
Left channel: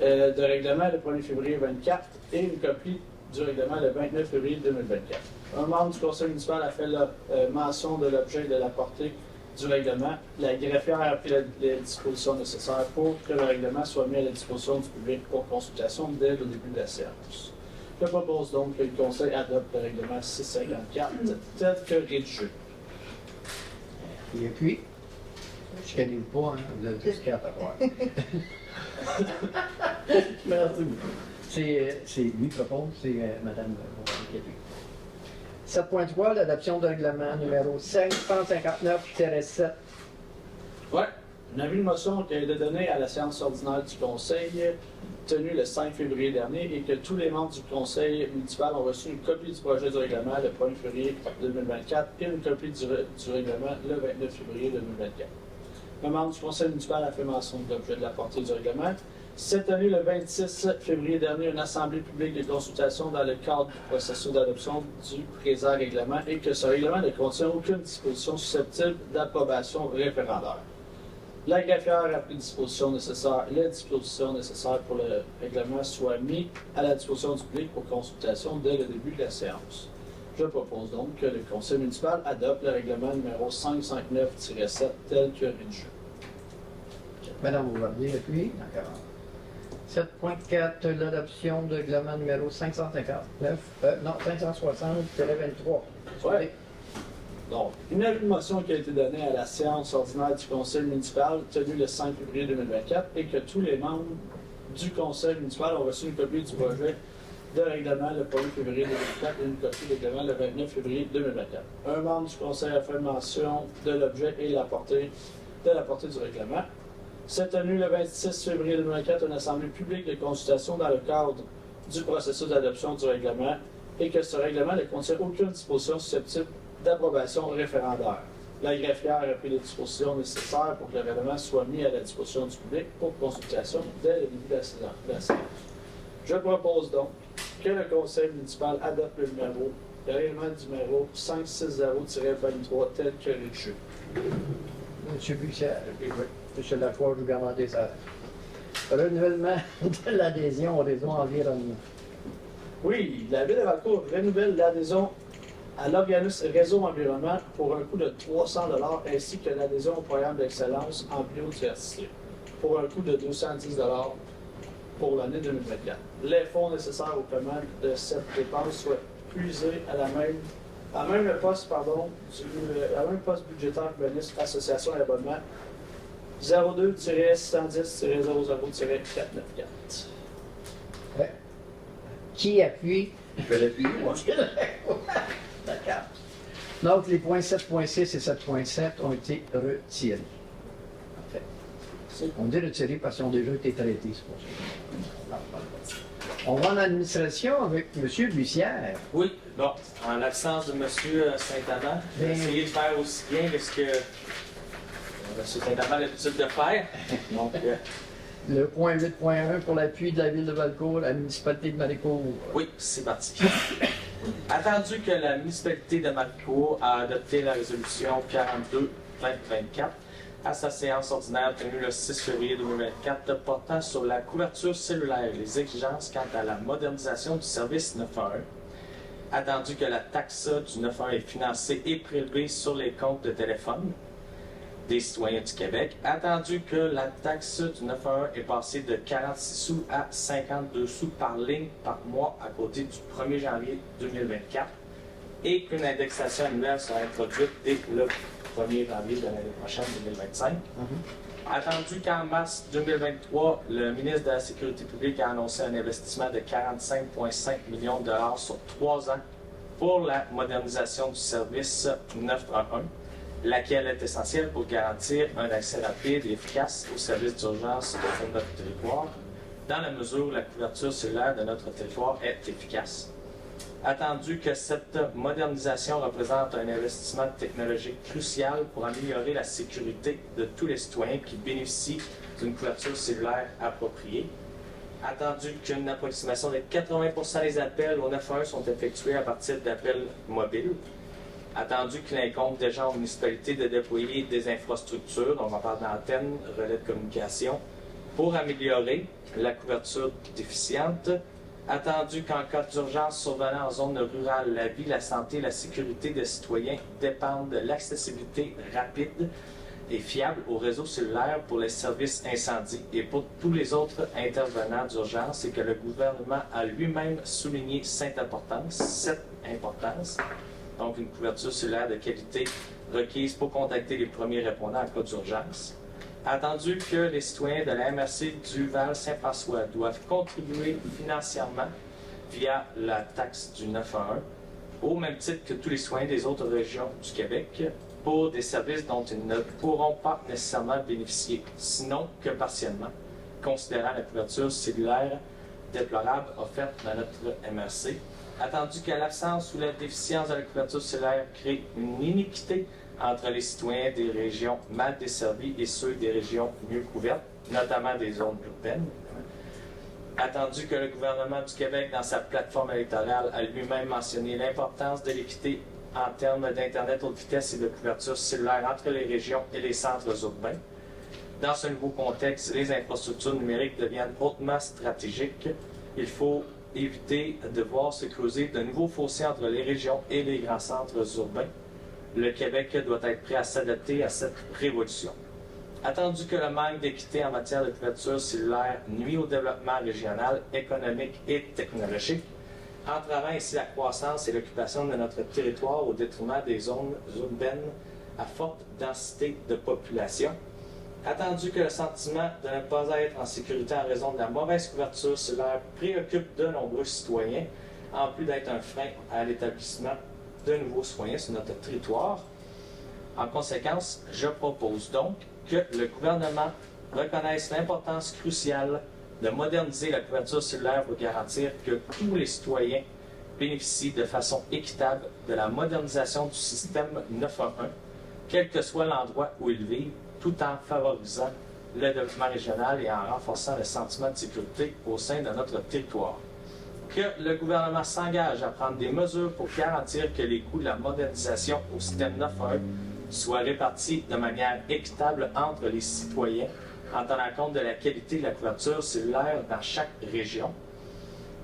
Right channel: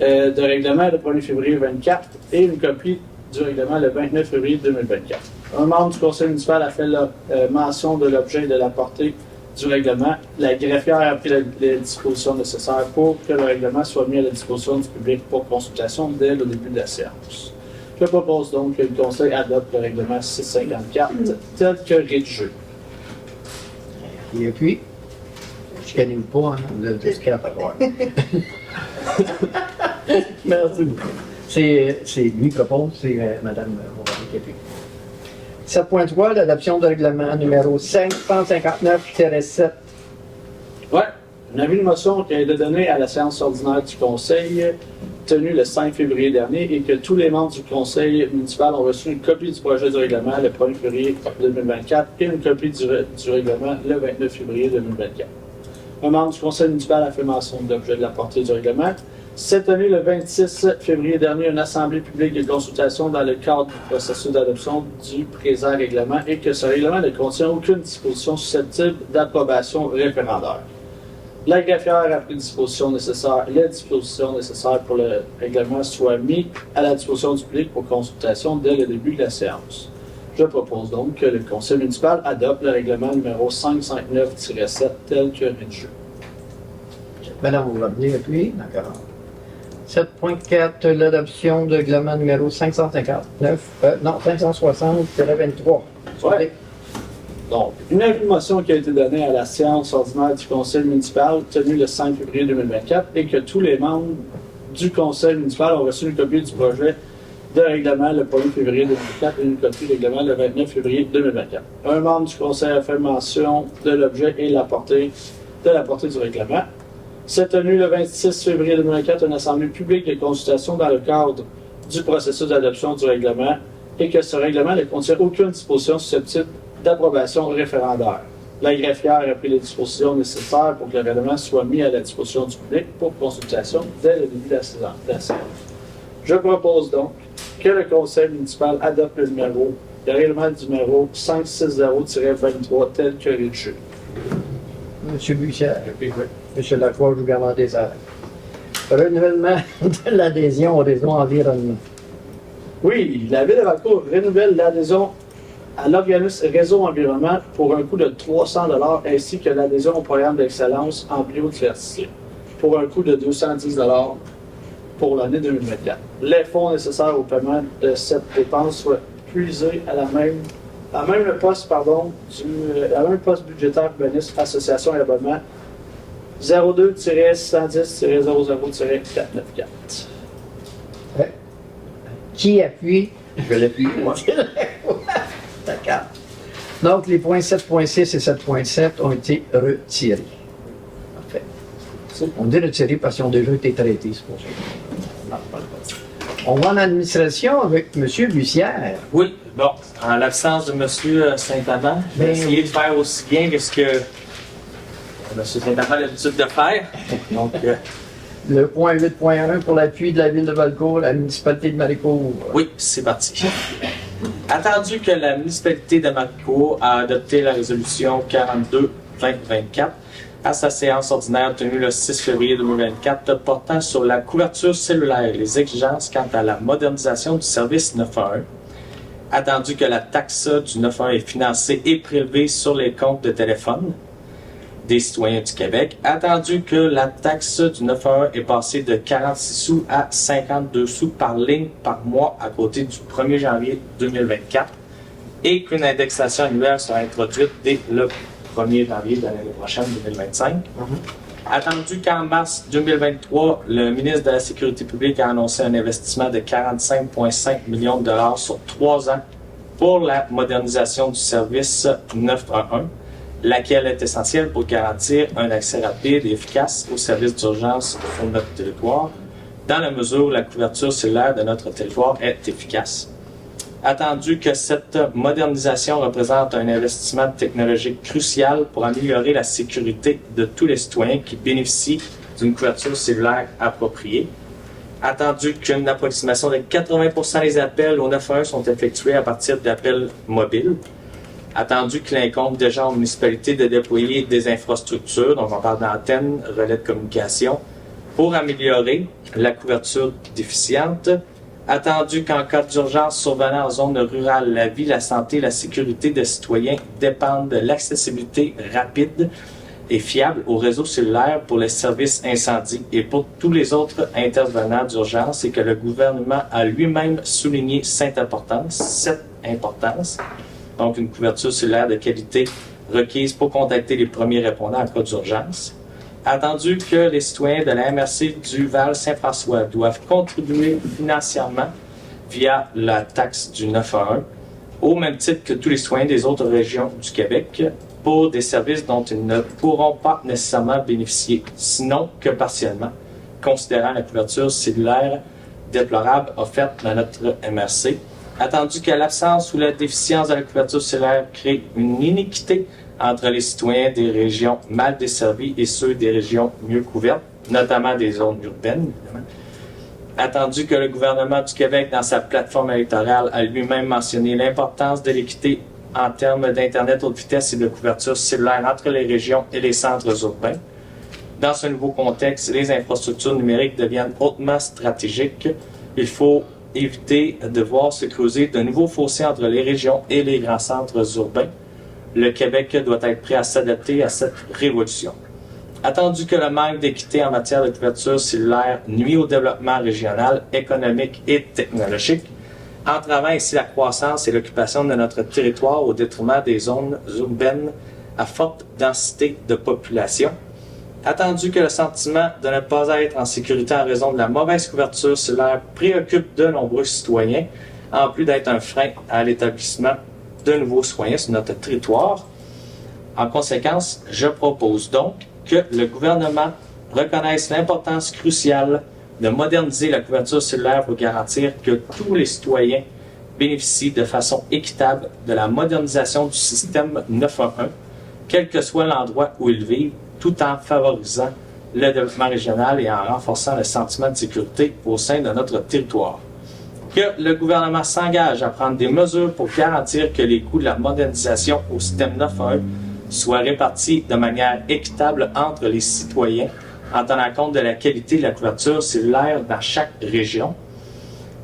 de règlement le 1er février 2024 et une copie du règlement le 29 février 2024. Un membre du Conseil municipal a fait la mention de l'objet et de la portée du règlement. La greffière a pris les dispositions nécessaires pour que le règlement soit mis à la disposition du public pour consultation dès le début de la séance. Je propose donc que le Conseil adopte le règlement 654 tel que rédigé. Et appuie. Je ne connais pas, hein, le discret. Merci beaucoup. C'est lui qui propose, c'est Mme Bombardier qui appuie. 7.3, l'adoption de règlement numéro 559-7. Ouais. Un avis de motion qui a été donné à la séance ordinaire du Conseil tenue le 5 février dernier et que tous les membres du Conseil municipal ont reçu une copie du projet du règlement le 1er février 2024 et une copie du règlement le 29 février 2024. Un membre du Conseil municipal a fait mention de l'objet de la portée du règlement. Cette tenue le 26 février dernier une assemblée publique de consultation dans le cadre du processus d'adoption du présent règlement et que ce règlement ne contient aucune disposition susceptible d'approbation référendaire. La greffière a pris les dispositions nécessaires pour le règlement soient mis à la disposition du public pour consultation dès le début de la séance. Je propose donc que le Conseil municipal adopte le règlement numéro 559-7 tel que rédigé. Madame Bombardier appuie. D'accord. 7.4, l'adoption de règlement numéro 560-23. Ouais. Donc, une avis de motion qui a été donnée à la séance ordinaire du Conseil municipal tenue le 5 février 2024 et que tous les membres du Conseil municipal ont reçu une copie du projet de règlement le 1er février 2024 et une copie du règlement le 29 février 2024. Un membre du Conseil a fait mention de l'objet et de la portée du règlement. C'est tenu le 26 février 2024 une assemblée publique de consultation dans le cadre du processus d'adoption du règlement et que ce règlement ne contient aucune disposition susceptible d'approbation référendaire. La greffière a pris les dispositions nécessaires pour que le règlement soit mis à la disposition du public pour consultation dès le début de la séance. Je propose donc que le Conseil municipal adopte le règlement numéro 560-23 tel que rédigé. M. Bussière. M. Lacroix, je vous garde des heures. Renouvellement de l'adhésion au réseau environnement. Oui, la Ville de Valcourt renouvelle l'adhésion à l'organisme Réseau Environnement pour un coût de 300 $ ainsi que l'adhésion au programme d'excellence en biodiversité pour un coût de 210 $. Pour l'année 2024. Les fonds nécessaires au paiement de cette dépense soient puisés à la même poste, la même poste budgétaire bonus association et abonnement 02-110-00-494. Qui appuie? Je l'appuie, moi. D'accord. Donc, les points 7.6 et 7.7 ont été retirés. Parfait. On dit retirés parce qu'ils ont déjà été traités, c'est pour ça. On va en administration avec M. Bussière. Oui, bon, en l'absence de M. Saint-Amand, je vais Ben essayer oui. de faire aussi bien que ce que M. Saint-Amand a l'habitude de faire. Donc, Le point 8.1 pour l'appui de la ville de Valcourt, la municipalité de Maricourt. oui, c'est parti. Attendu que la municipalité de Maricourt a adopté la résolution 42-2024 à sa séance ordinaire tenue le 6 février 2024 portant sur la couverture cellulaire et les exigences quant à la modernisation du service 911. Attendu que la taxe du 911 est financée et prélevée sur les comptes de téléphone des citoyens du Québec. Attendu que la taxe du 911 est passée de 46 sous à 52 sous par ligne par mois à côté du 1er janvier 2024 et qu'une indexation annuelle sera introduite dès le 1er janvier de l'année prochaine, 2025. Attendu qu'en mars 2023, le ministre de la Sécurité publique a annoncé un investissement de 45,5 millions de dollars sur 3 ans pour la modernisation du service 911, laquelle est essentielle pour garantir un accès rapide et efficace aux services d'urgence sur notre territoire, dans la mesure où la couverture cellulaire de notre territoire est efficace. Attendu que cette modernisation représente un investissement technologique crucial pour améliorer la sécurité de tous les citoyens qui bénéficient d'une couverture cellulaire appropriée. Attendu qu'une approximation de 80% des appels au 911 sont effectués à partir d'appels mobiles. Attendu qu'il incombe déjà aux municipalités de déployer des infrastructures, donc on parle d'antennes, relais de communication, pour améliorer la couverture déficiente. Attendu qu'en cas d'urgence survenant en zone rurale, la vie, la santé, la sécurité des citoyens dépendent de l'accessibilité rapide et fiable au réseau cellulaire pour les services incendie et pour tous les autres intervenants d'urgence et que le gouvernement a lui-même souligné cette importance, donc une couverture cellulaire de qualité requise pour contacter les premiers répondants en cas d'urgence. Attendu que les citoyens de la MRC du Val-Saint-François doivent contribuer financièrement via la taxe du 911, au même titre que tous les citoyens des autres régions du Québec, pour des services dont ils ne pourront pas nécessairement bénéficier, sinon que partiellement, considérant la couverture cellulaire déplorable offerte dans notre MRC. Attendu que l'absence ou la déficience de la couverture cellulaire crée une iniquité entre les citoyens des régions mal desservies et ceux des régions mieux couvertes, notamment des zones urbaines, évidemment. Attendu que le gouvernement du Québec, dans sa plateforme électorale, a lui-même mentionné l'importance de l'équité en termes d'Internet haute vitesse et de couverture cellulaire entre les régions et les centres urbains. Dans ce nouveau contexte, les infrastructures numériques deviennent hautement stratégiques. Il faut éviter de voir se creuser de nouveaux fossés entre les régions et les grands centres urbains. Le Québec doit être prêt à s'adapter à cette révolution. Attendu que le manque d'équité en matière de couverture cellulaire nuit au développement régional, économique et technologique, entravant ainsi la croissance et l'occupation de notre territoire au détriment des zones urbaines à forte densité de population. Attendu que le sentiment de ne pas être en sécurité en raison de la mauvaise couverture cellulaire préoccupe de nombreux citoyens, en plus d'être un frein à l'établissement de nouveaux citoyens sur notre territoire. En conséquence, je propose donc que le gouvernement reconnaisse l'importance cruciale de moderniser la couverture cellulaire pour garantir que tous les citoyens bénéficient de façon équitable de la modernisation du système 911, quel que soit l'endroit où ils vivent, tout en favorisant le développement régional et en renforçant le sentiment de sécurité au sein de notre territoire. Que le gouvernement s'engage à prendre des mesures pour garantir que les coûts de la modernisation au système 911 soient répartis de manière équitable entre les citoyens en tenant compte de la qualité de la couverture cellulaire dans chaque région.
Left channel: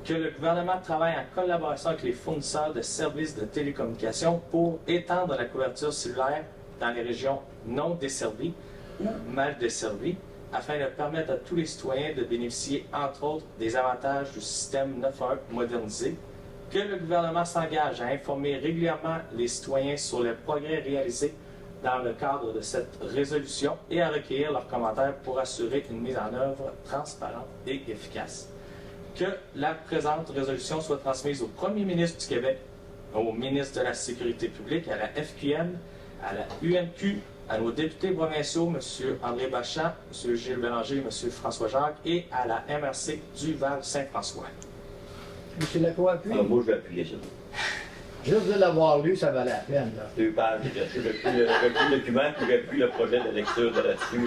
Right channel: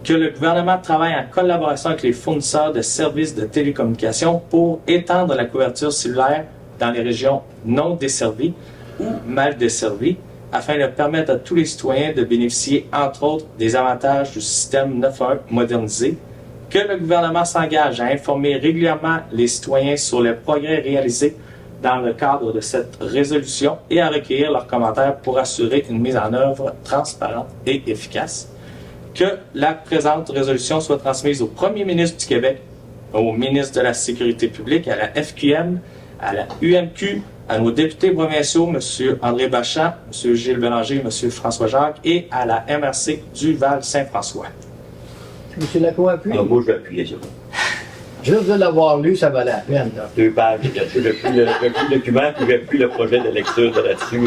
que le gouvernement travaille en collaboration avec les fournisseurs de services de télécommunications pour étendre la couverture cellulaire dans les régions non desservies ou mal desservies, afin de permettre à tous les citoyens de bénéficier, entre autres, des avantages du système 911 modernisé, que le gouvernement s'engage à informer régulièrement les citoyens sur les progrès réalisés dans le cadre de cette résolution et à recueillir leurs commentaires pour assurer une mise en œuvre transparente et efficace. Que la présente résolution soit transmise au Premier ministre du Québec, au ministre de la Sécurité publique, à la FQM, à la UMQ, à nos députés provinciaux, M. André Bachand, M. Gilles Bélanger, M. François Jacques, et à la MRC du Val-Saint-François. M. Lacroix appuie. Alors, moi, je vais appuyer ça. Juste de l'avoir lu, ça valait la peine. Là. 2 pages. Le document, puis j'appuie le projet de lecture de là-dessus.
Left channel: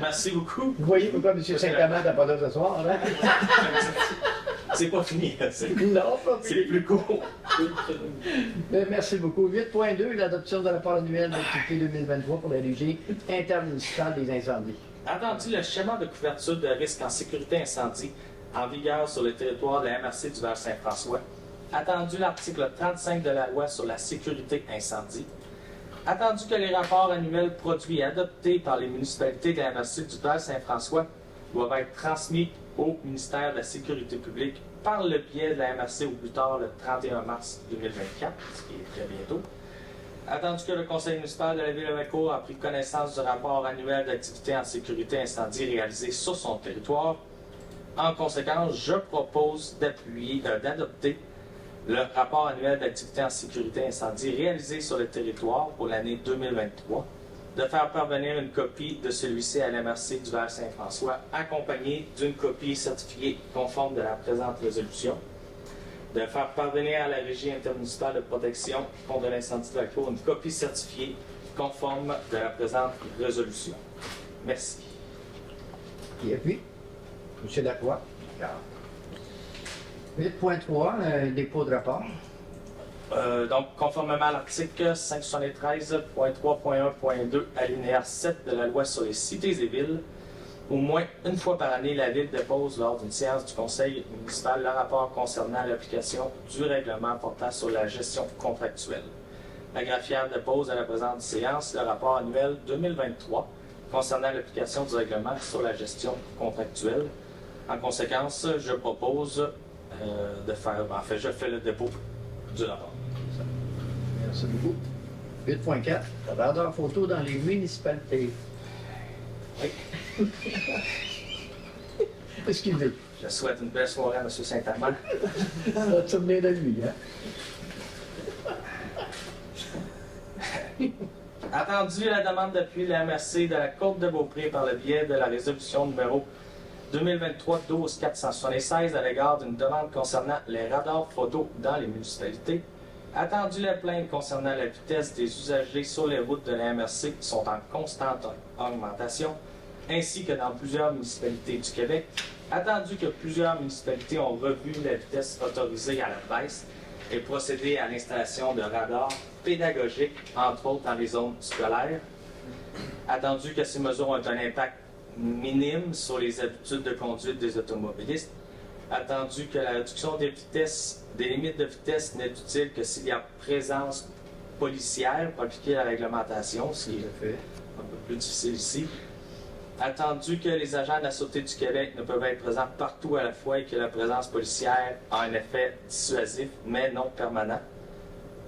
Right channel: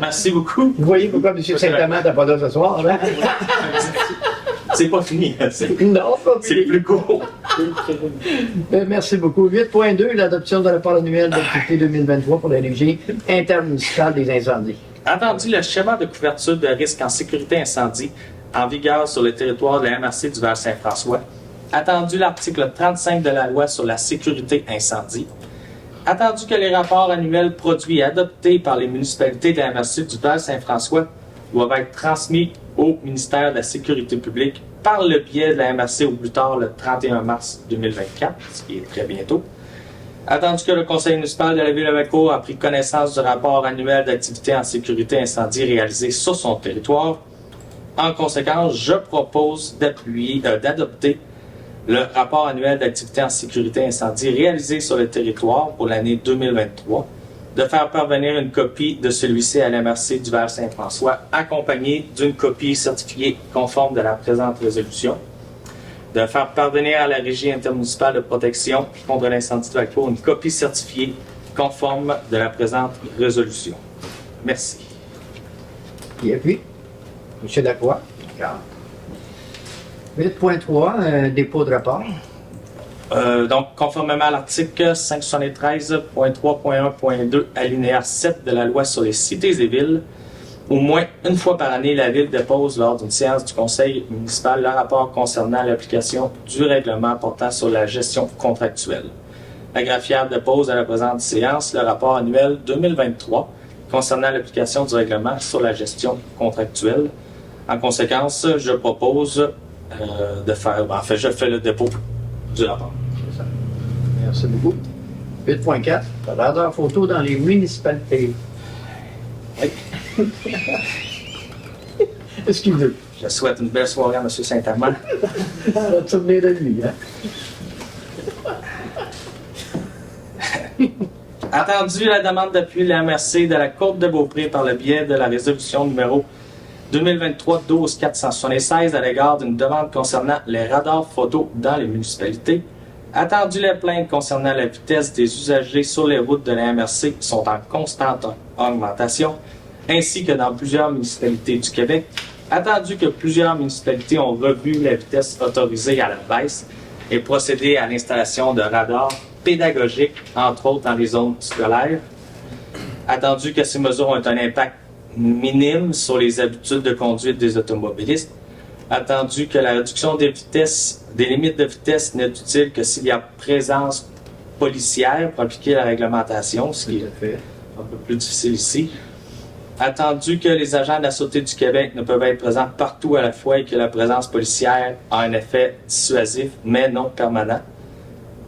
Merci beaucoup. Vous voyez pourquoi M. Saint-Amand n'est pas là ce soir, là? C'est pas fini. Non, pas C'est fini. plus court. Merci beaucoup. 8.2, l'adoption de rapport annuel d'activité 2023 pour la régie intermunicipale des incendies. Entendu le schéma de couverture de risque en sécurité incendie en vigueur sur le territoire de la MRC du Val-Saint-François. Attendu l'article 35 de la loi sur la sécurité incendie. Attendu que les rapports annuels produits et adoptés par les municipalités de la MRC du Val-Saint-François doivent être transmis au ministère de la Sécurité publique par le biais de la MRC au plus tard le 31 mars 2024, ce qui est très bientôt. Attendu que le conseil municipal de la ville de Vacourt a pris connaissance du rapport annuel d'activité en sécurité incendie réalisé sur son territoire. En conséquence, je propose d'adopter le rapport annuel d'activité en sécurité incendie réalisé sur le territoire pour l'année 2023, de faire parvenir une copie de celui-ci à l'MRC du Val-Saint-François, accompagnée d'une copie certifiée conforme de la présente résolution, de faire parvenir à la Régie intermunicipale de protection contre l'incendie de Vacourt une copie certifiée conforme de la présente résolution. Merci. Qui appuie? M. Lacroix. 8.3, dépôt de rapport. Donc, conformément à l'article 573.3.1.2, alinéa 7 de la loi sur les cités et villes, au moins une fois par année, la Ville dépose lors d'une séance du Conseil municipal le rapport concernant l'application du règlement portant sur la gestion contractuelle. La graphière dépose à la présente séance le rapport annuel 2023 concernant l'application du règlement sur la gestion contractuelle. En conséquence, je propose de faire... je fais le dépôt du rapport. Merci beaucoup. 8.4, radar photo dans les municipalités. Oui. Excusez. Je souhaite une belle soirée à M. Saint-Amand. Ça va te souvenir de lui, hein? Attendu la demande d'appui de la MRC de la Côte de Beaupré par le biais de la résolution numéro 2023-12-476 à l'égard d'une demande concernant les radars photo dans les municipalités. Attendu les plaintes concernant la vitesse des usagers sur les routes de la MRC sont en constante augmentation, ainsi que dans plusieurs municipalités du Québec. Attendu que plusieurs municipalités ont revu la vitesse autorisée à la baisse et procédé à l'installation de radars pédagogiques, entre autres dans les zones scolaires. Attendu que ces mesures ont un impact minime sur les habitudes de conduite des automobilistes. Attendu que la réduction des limites de vitesse n'est utile que s'il y a présence policière pour appliquer la réglementation, ce qui est un peu plus difficile ici. Attendu que les agents de la Sûreté du Québec ne peuvent être présents partout à la fois et que la présence policière a un effet dissuasif, mais non permanent.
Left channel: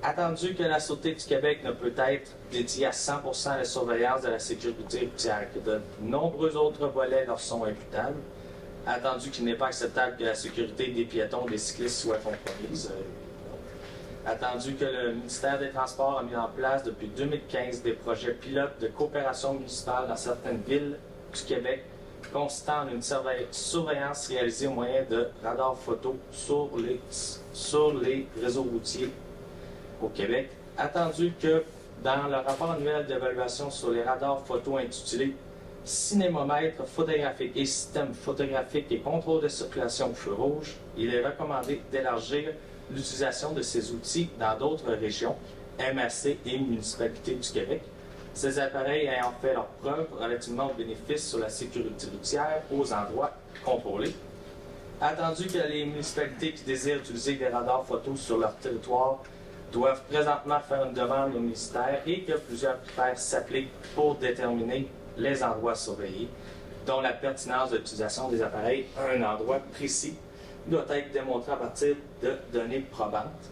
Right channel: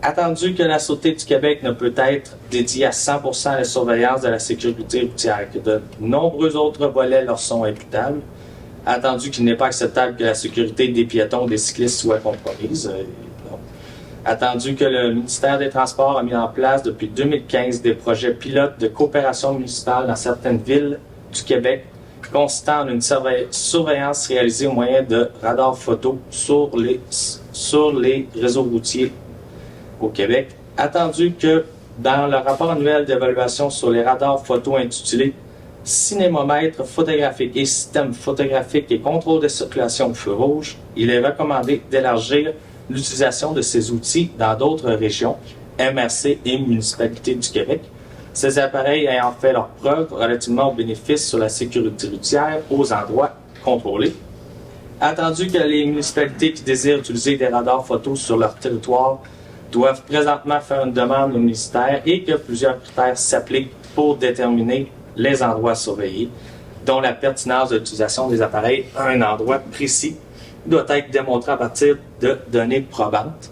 Attendu que la Sûreté du Québec ne peut être dédiée à 100% à la surveillance de la sécurité routière, que de nombreux autres volets leur sont imputables. Attendu qu'il n'est pas acceptable que la sécurité des piétons ou des cyclistes soit compromise. Attendu que le ministère des Transports a mis en place depuis 2015 des projets pilotes de coopération municipale dans certaines villes du Québec, consistant en une surveillance réalisée au moyen de radars photo sur les réseaux routiers au Québec. Attendu que dans le rapport annuel d'évaluation sur les radars photo intitulé Cinémomètre photographique et système photographique et contrôle de circulation au feu rouge, il est recommandé d'élargir l'utilisation de ces outils dans d'autres régions, MRC et municipalités du Québec. Ces appareils ayant fait leur preuve relativement aux bénéfices sur la sécurité routière aux endroits contrôlés. Attendu que les municipalités qui désirent utiliser des radars photos sur leur territoire doivent présentement faire une demande au ministère et que plusieurs critères s'appliquent pour déterminer les endroits surveillés, dont la pertinence de l'utilisation des appareils à un endroit précis doit être démontrée à partir de données probantes.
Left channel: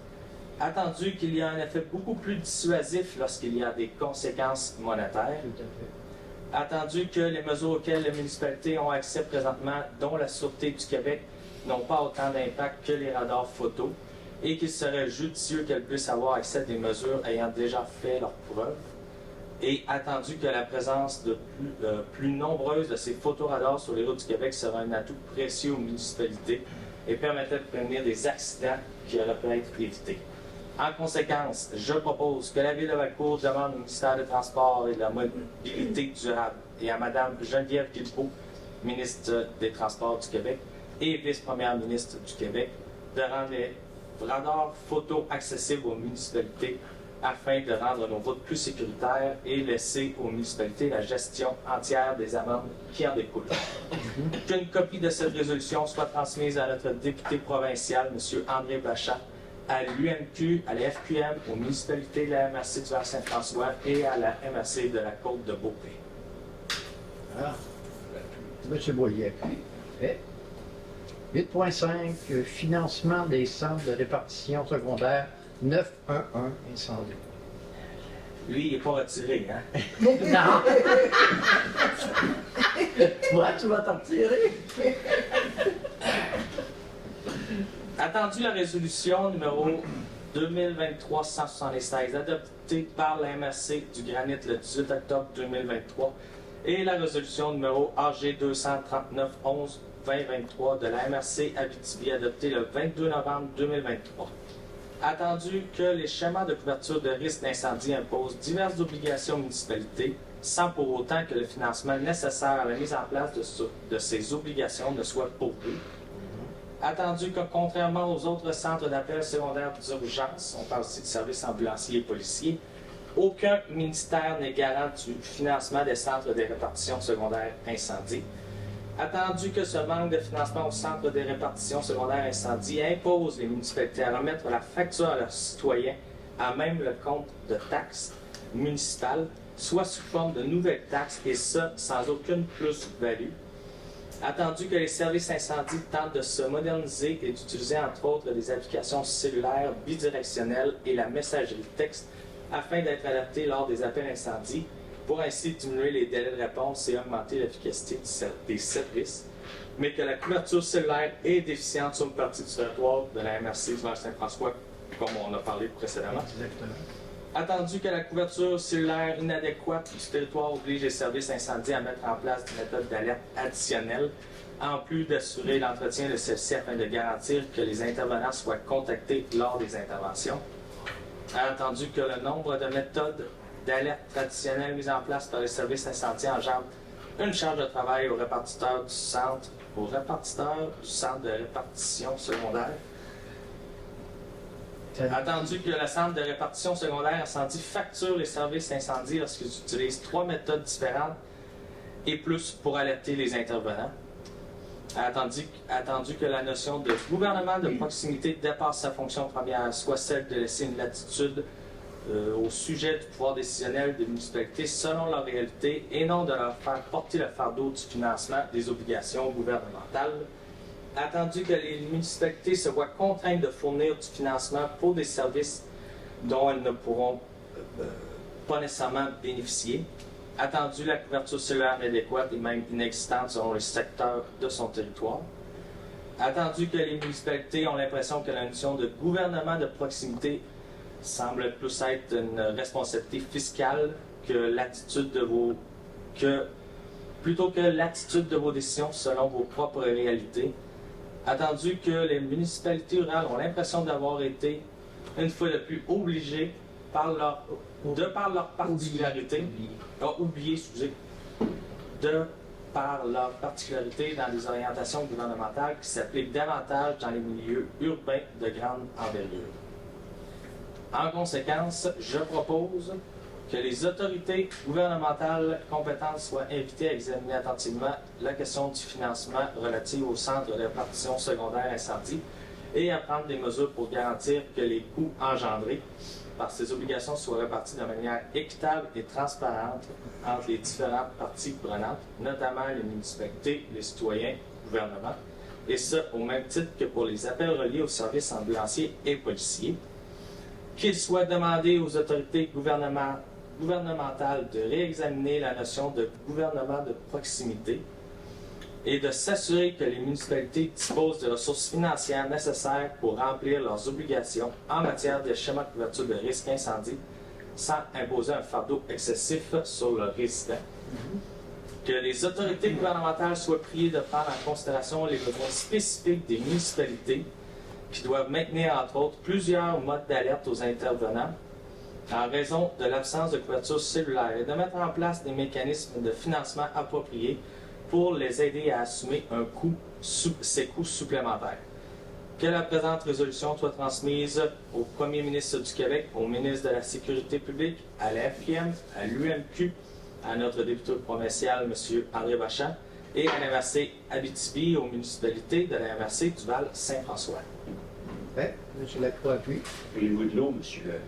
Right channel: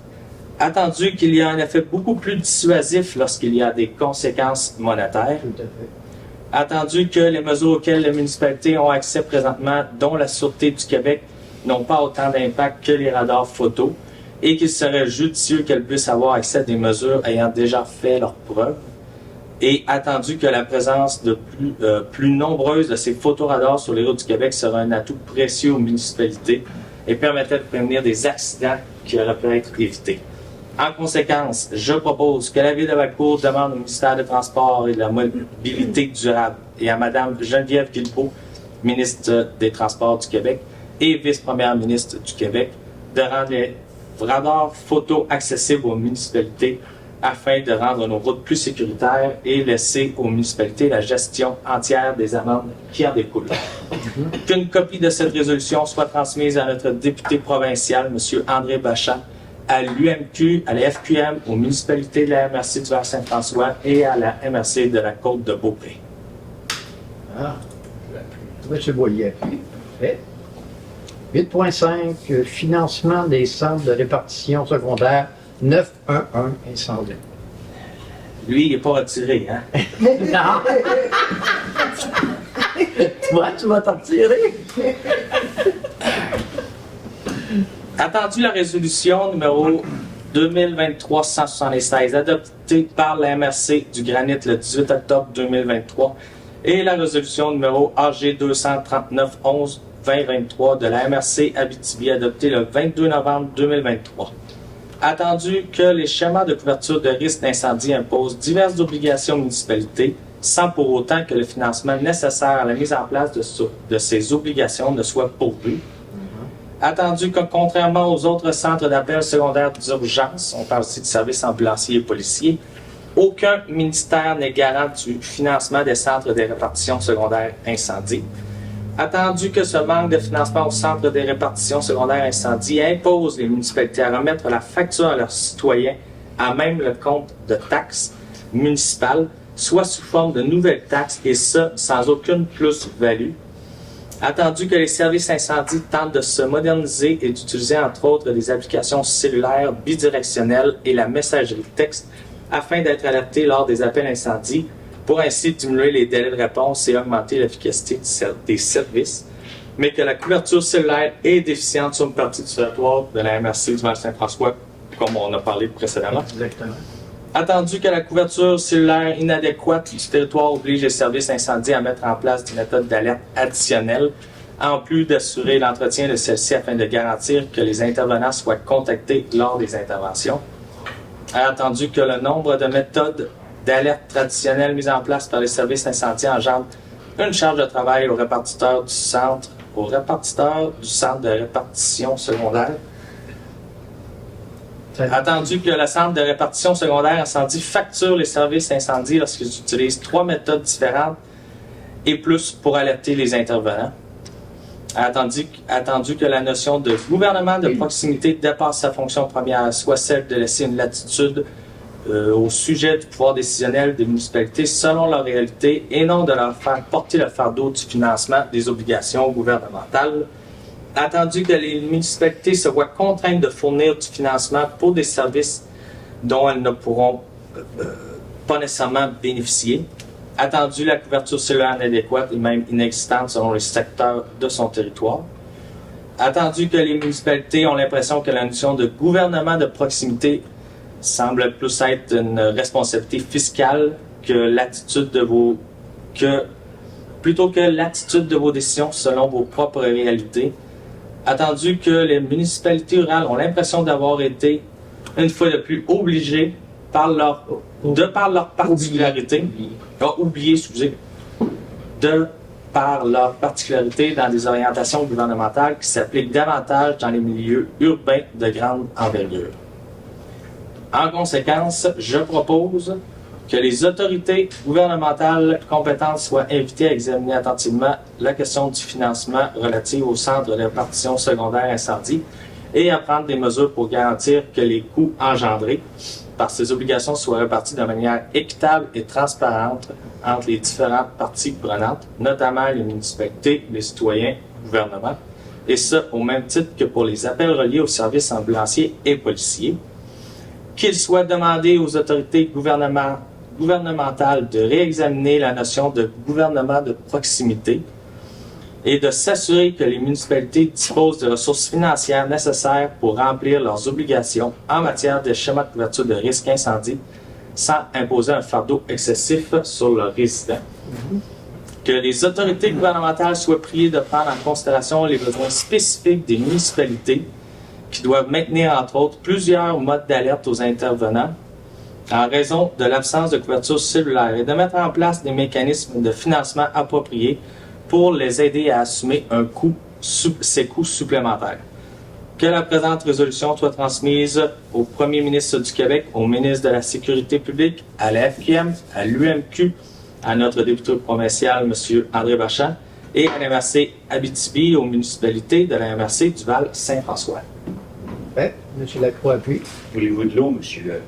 Attendu qu'il y a un effet beaucoup plus dissuasif lorsqu'il y a des conséquences monétaires. Tout à fait. Attendu que les mesures auxquelles les municipalités ont accès présentement, dont la Sûreté du Québec, n'ont pas autant d'impact que les radars photos et qu'il serait judicieux qu'elles puissent avoir accès à des mesures ayant déjà fait leurs preuves. Et attendu que la présence de plus nombreuse de ces photoradars sur les routes du Québec sera un atout précieux aux municipalités et permettrait de prévenir des accidents qui auraient pu être évités. En conséquence, je propose que la Ville de Valcourt demande au ministère des Transports et de la Mobilité durable et à Mme Geneviève Guilbeault, ministre des Transports du Québec et vice-première ministre du Québec, de rendre les radars photos accessibles aux municipalités afin de rendre nos routes plus sécuritaires et laisser aux municipalités la gestion entière des amendes qui en découlent. Qu'une copie de cette résolution soit transmise à notre député provincial, M. André Bachat, à l'UMQ, à la FQM, aux municipalités de la MRC du Vers-Saint-François et à la MRC de la Côte-de-Beaupré. Ah, M. Boyer. Parfait. 8.5, financement des centres de répartition secondaire 911 incendie. Lui, il n'est pas retiré, hein? Non! Toi, tu vas t'en tirer? Attendu la résolution numéro 2023-176, adoptée par la MRC du Granit le 18 octobre 2023, et la résolution numéro AG 239-11-2023 de la MRC Abitibi, adoptée le 22 novembre 2023. Attendu que les schémas de couverture de risque d'incendie imposent diverses obligations aux municipalités, sans pour autant que le financement nécessaire à la mise en place de ces obligations ne soit pourvu. Attendu que, contrairement aux autres centres d'appel secondaires d'urgence, on parle aussi de services ambulanciers et policiers, aucun ministère n'est garant du financement des centres de répartition secondaire incendie. Attendu que ce manque de financement au centre des répartitions secondaires incendie impose les municipalités à remettre la facture à leurs citoyens à même le compte de taxes municipales, soit sous forme de nouvelles taxes, et ça sans aucune plus-value. Attendu que les services incendies tentent de se moderniser et d'utiliser entre autres des applications cellulaires bidirectionnelles et la messagerie texte afin d'être alertés lors des appels incendies, pour ainsi diminuer les délais de réponse et augmenter l'efficacité des services, mais que la couverture cellulaire est déficiente sur une partie du territoire de la MRC du Val-Saint-François, comme on a parlé précédemment. Exactement. Attendu que la couverture cellulaire inadéquate du territoire oblige les services incendies à mettre en place des méthodes d'alerte additionnelles, en plus d'assurer l'entretien de celle-ci afin de garantir que les intervenants soient contactés lors des interventions. Attendu que le nombre de méthodes d'alerte traditionnelles mises en place par les services incendies engendre une charge de travail aux répartiteurs du centre de répartition secondaire. Attendu que le centre de répartition secondaire incendie facture les services incendies lorsqu'ils utilisent 3 méthodes différentes et plus pour alerter les intervenants. Attendu que la notion de gouvernement de proximité dépasse sa fonction première, soit celle de laisser une latitude au sujet du pouvoir décisionnel des municipalités selon leur réalité et non de leur faire porter le fardeau du financement des obligations gouvernementales. Attendu que les municipalités se voient contraintes de fournir du financement pour des services dont elles ne pourront pas nécessairement bénéficier. Attendu la couverture cellulaire inadéquate et même inexistante selon les secteurs de son territoire. Attendu que les municipalités ont l'impression que la notion de gouvernement de proximité semble plus être une responsabilité fiscale plutôt que l'attitude de vos décisions selon vos propres réalités. Attendu que les municipalités rurales ont l'impression d'avoir été, une fois de plus, obligées, de par leur particularité, dans des orientations gouvernementales qui s'appliquent davantage dans les milieux urbains de grande envergure. En conséquence, je propose Que les autorités gouvernementales compétentes soient invitées à examiner attentivement la question du financement relative au centre de répartition secondaire incendie et à prendre des mesures pour garantir que les coûts engendrés par ces obligations soient répartis de manière équitable et transparente entre les différentes parties prenantes, notamment les municipalités, les citoyens, le gouvernement, et ce, au même titre que pour les appels reliés aux services ambulanciers et policiers. Qu'il soit demandé aux autorités gouvernementales de réexaminer la notion de gouvernement de proximité et de s'assurer que les municipalités disposent de ressources financières nécessaires pour remplir leurs obligations en matière de schéma de couverture de risque incendie sans imposer un fardeau excessif sur leurs résidents. Que les autorités gouvernementales soient priées de prendre en considération les besoins spécifiques des municipalités qui doivent maintenir, entre autres, plusieurs modes d'alerte aux intervenants en raison de l'absence de couverture cellulaire et de mettre en place des mécanismes de financement appropriés pour les aider à assumer ces coûts supplémentaires. Que la présente résolution soit transmise au Premier ministre du Québec, au ministre de la Sécurité publique, à la FQM, à l'UMQ, à notre député provincial, M. André Bachand, et à la MRC Abitibi, aux municipalités de la MRC du Val-Saint-François. Ouais, M. Lacroix appuie. Voulez-vous de l'eau, monsieur?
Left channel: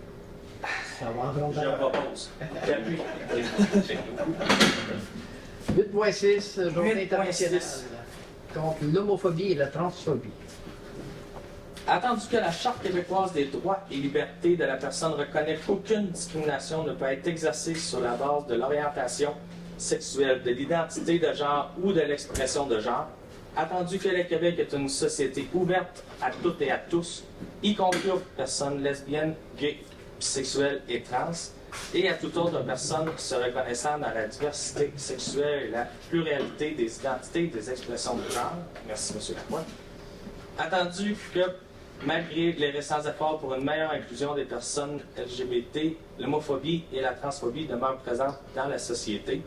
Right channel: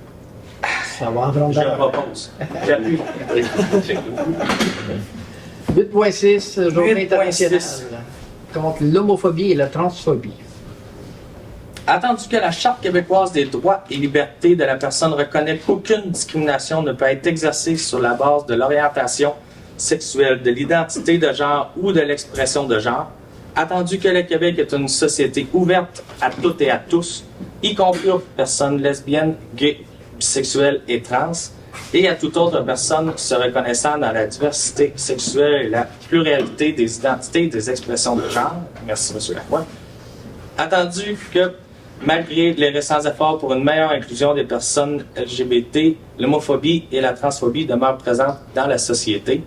Ça va en Je rondeur. propose. J'appuie. 8.6, Journée 8.6. internationale contre l'homophobie et la transphobie. Attendu que la Charte québécoise des droits et libertés de la personne reconnaît qu'aucune discrimination ne peut être exercée sur la base de l'orientation sexuelle, de l'identité de genre ou de l'expression de genre, attendu que le Québec est une société ouverte à toutes et à tous, y compris aux personnes lesbiennes, gays, bisexuelles et trans, et à toute autre personne se reconnaissant dans la diversité sexuelle et la pluralité des identités et des expressions de genre. Merci, M. Lacroix. Attendu que, malgré les récents efforts pour une meilleure inclusion des personnes LGBT, l'homophobie et la transphobie demeurent présentes dans la société.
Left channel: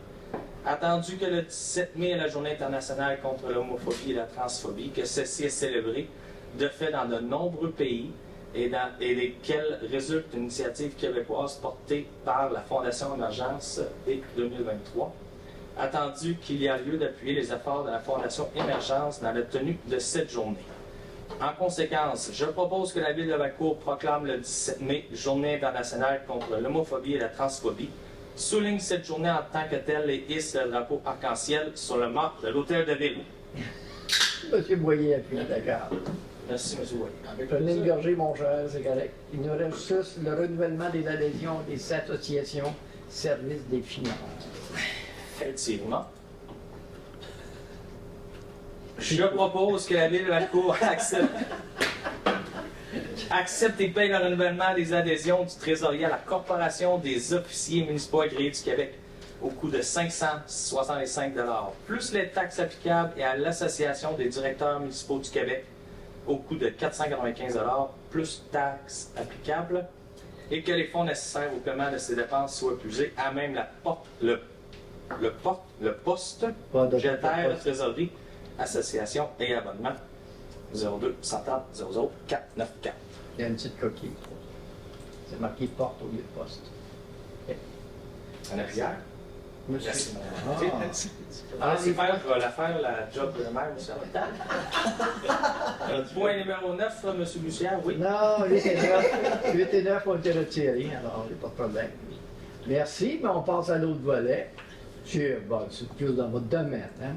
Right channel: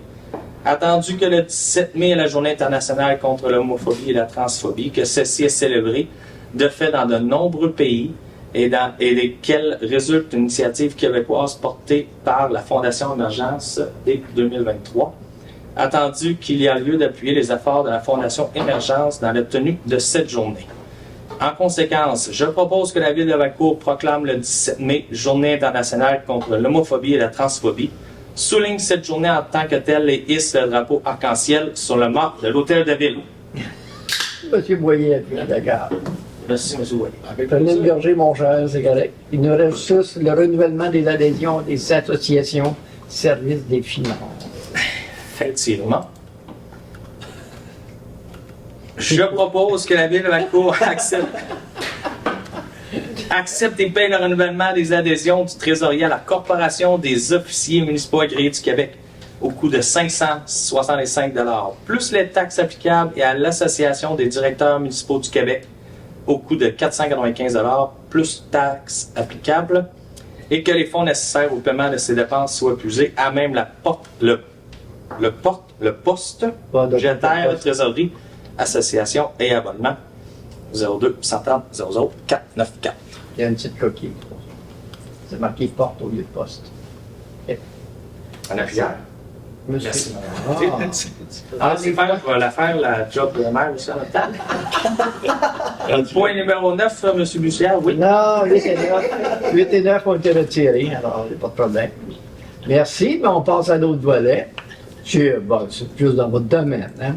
Attendu que le 17 mai est la Journée internationale contre l'homophobie et la transphobie, que celle-ci est célébrée de fait dans de nombreux pays et desquels résulte une initiative québécoise portée par la Fondation Émergence dès 2023. Attendu qu'il y a lieu d'appuyer les efforts de la Fondation Émergence dans la tenue de cette journée. En conséquence, je propose que la Ville de Valcourt proclame le 17 mai Journée internationale contre l'homophobie et la transphobie, souligne cette journée en tant que telle et hisse le drapeau arc-en-ciel sur le mât de l'Hôtel de Ville. M. Boyer appuie, d'accord. Merci, M. Ouellet. Prenez une gorgée, mon cher, c'est correct. Il nous reste juste le renouvellement des adhésions des associations services des finances. Effectivement. Je propose que la Ville de Valcourt accepte et paye le renouvellement des adhésions du trésorier à la Corporation des officiers municipaux agréés du Québec au coût de 565 $, plus les taxes applicables, et à l'Association des directeurs municipaux du Québec au coût de 495 $, plus taxes applicables, et que les fonds nécessaires au paiement de ces dépenses soient puisés à même le poste budgétaire de trésorerie, association et abonnement 02 130 00 494. Il y a une petite coquille. C'est marqué porte au lieu de poste. En arrière. Monsieur. Merci. Ah, C'est faire, je vais la faire, la job de maire aussi en même temps. Point numéro 9, M. Bussière, oui. Non, 8 et 9. 8 et 9 ont été retirés, alors il n'y a pas de problème. Merci, mais on passe à l'autre volet. Bon, c'est plus dans votre domaine. Hein?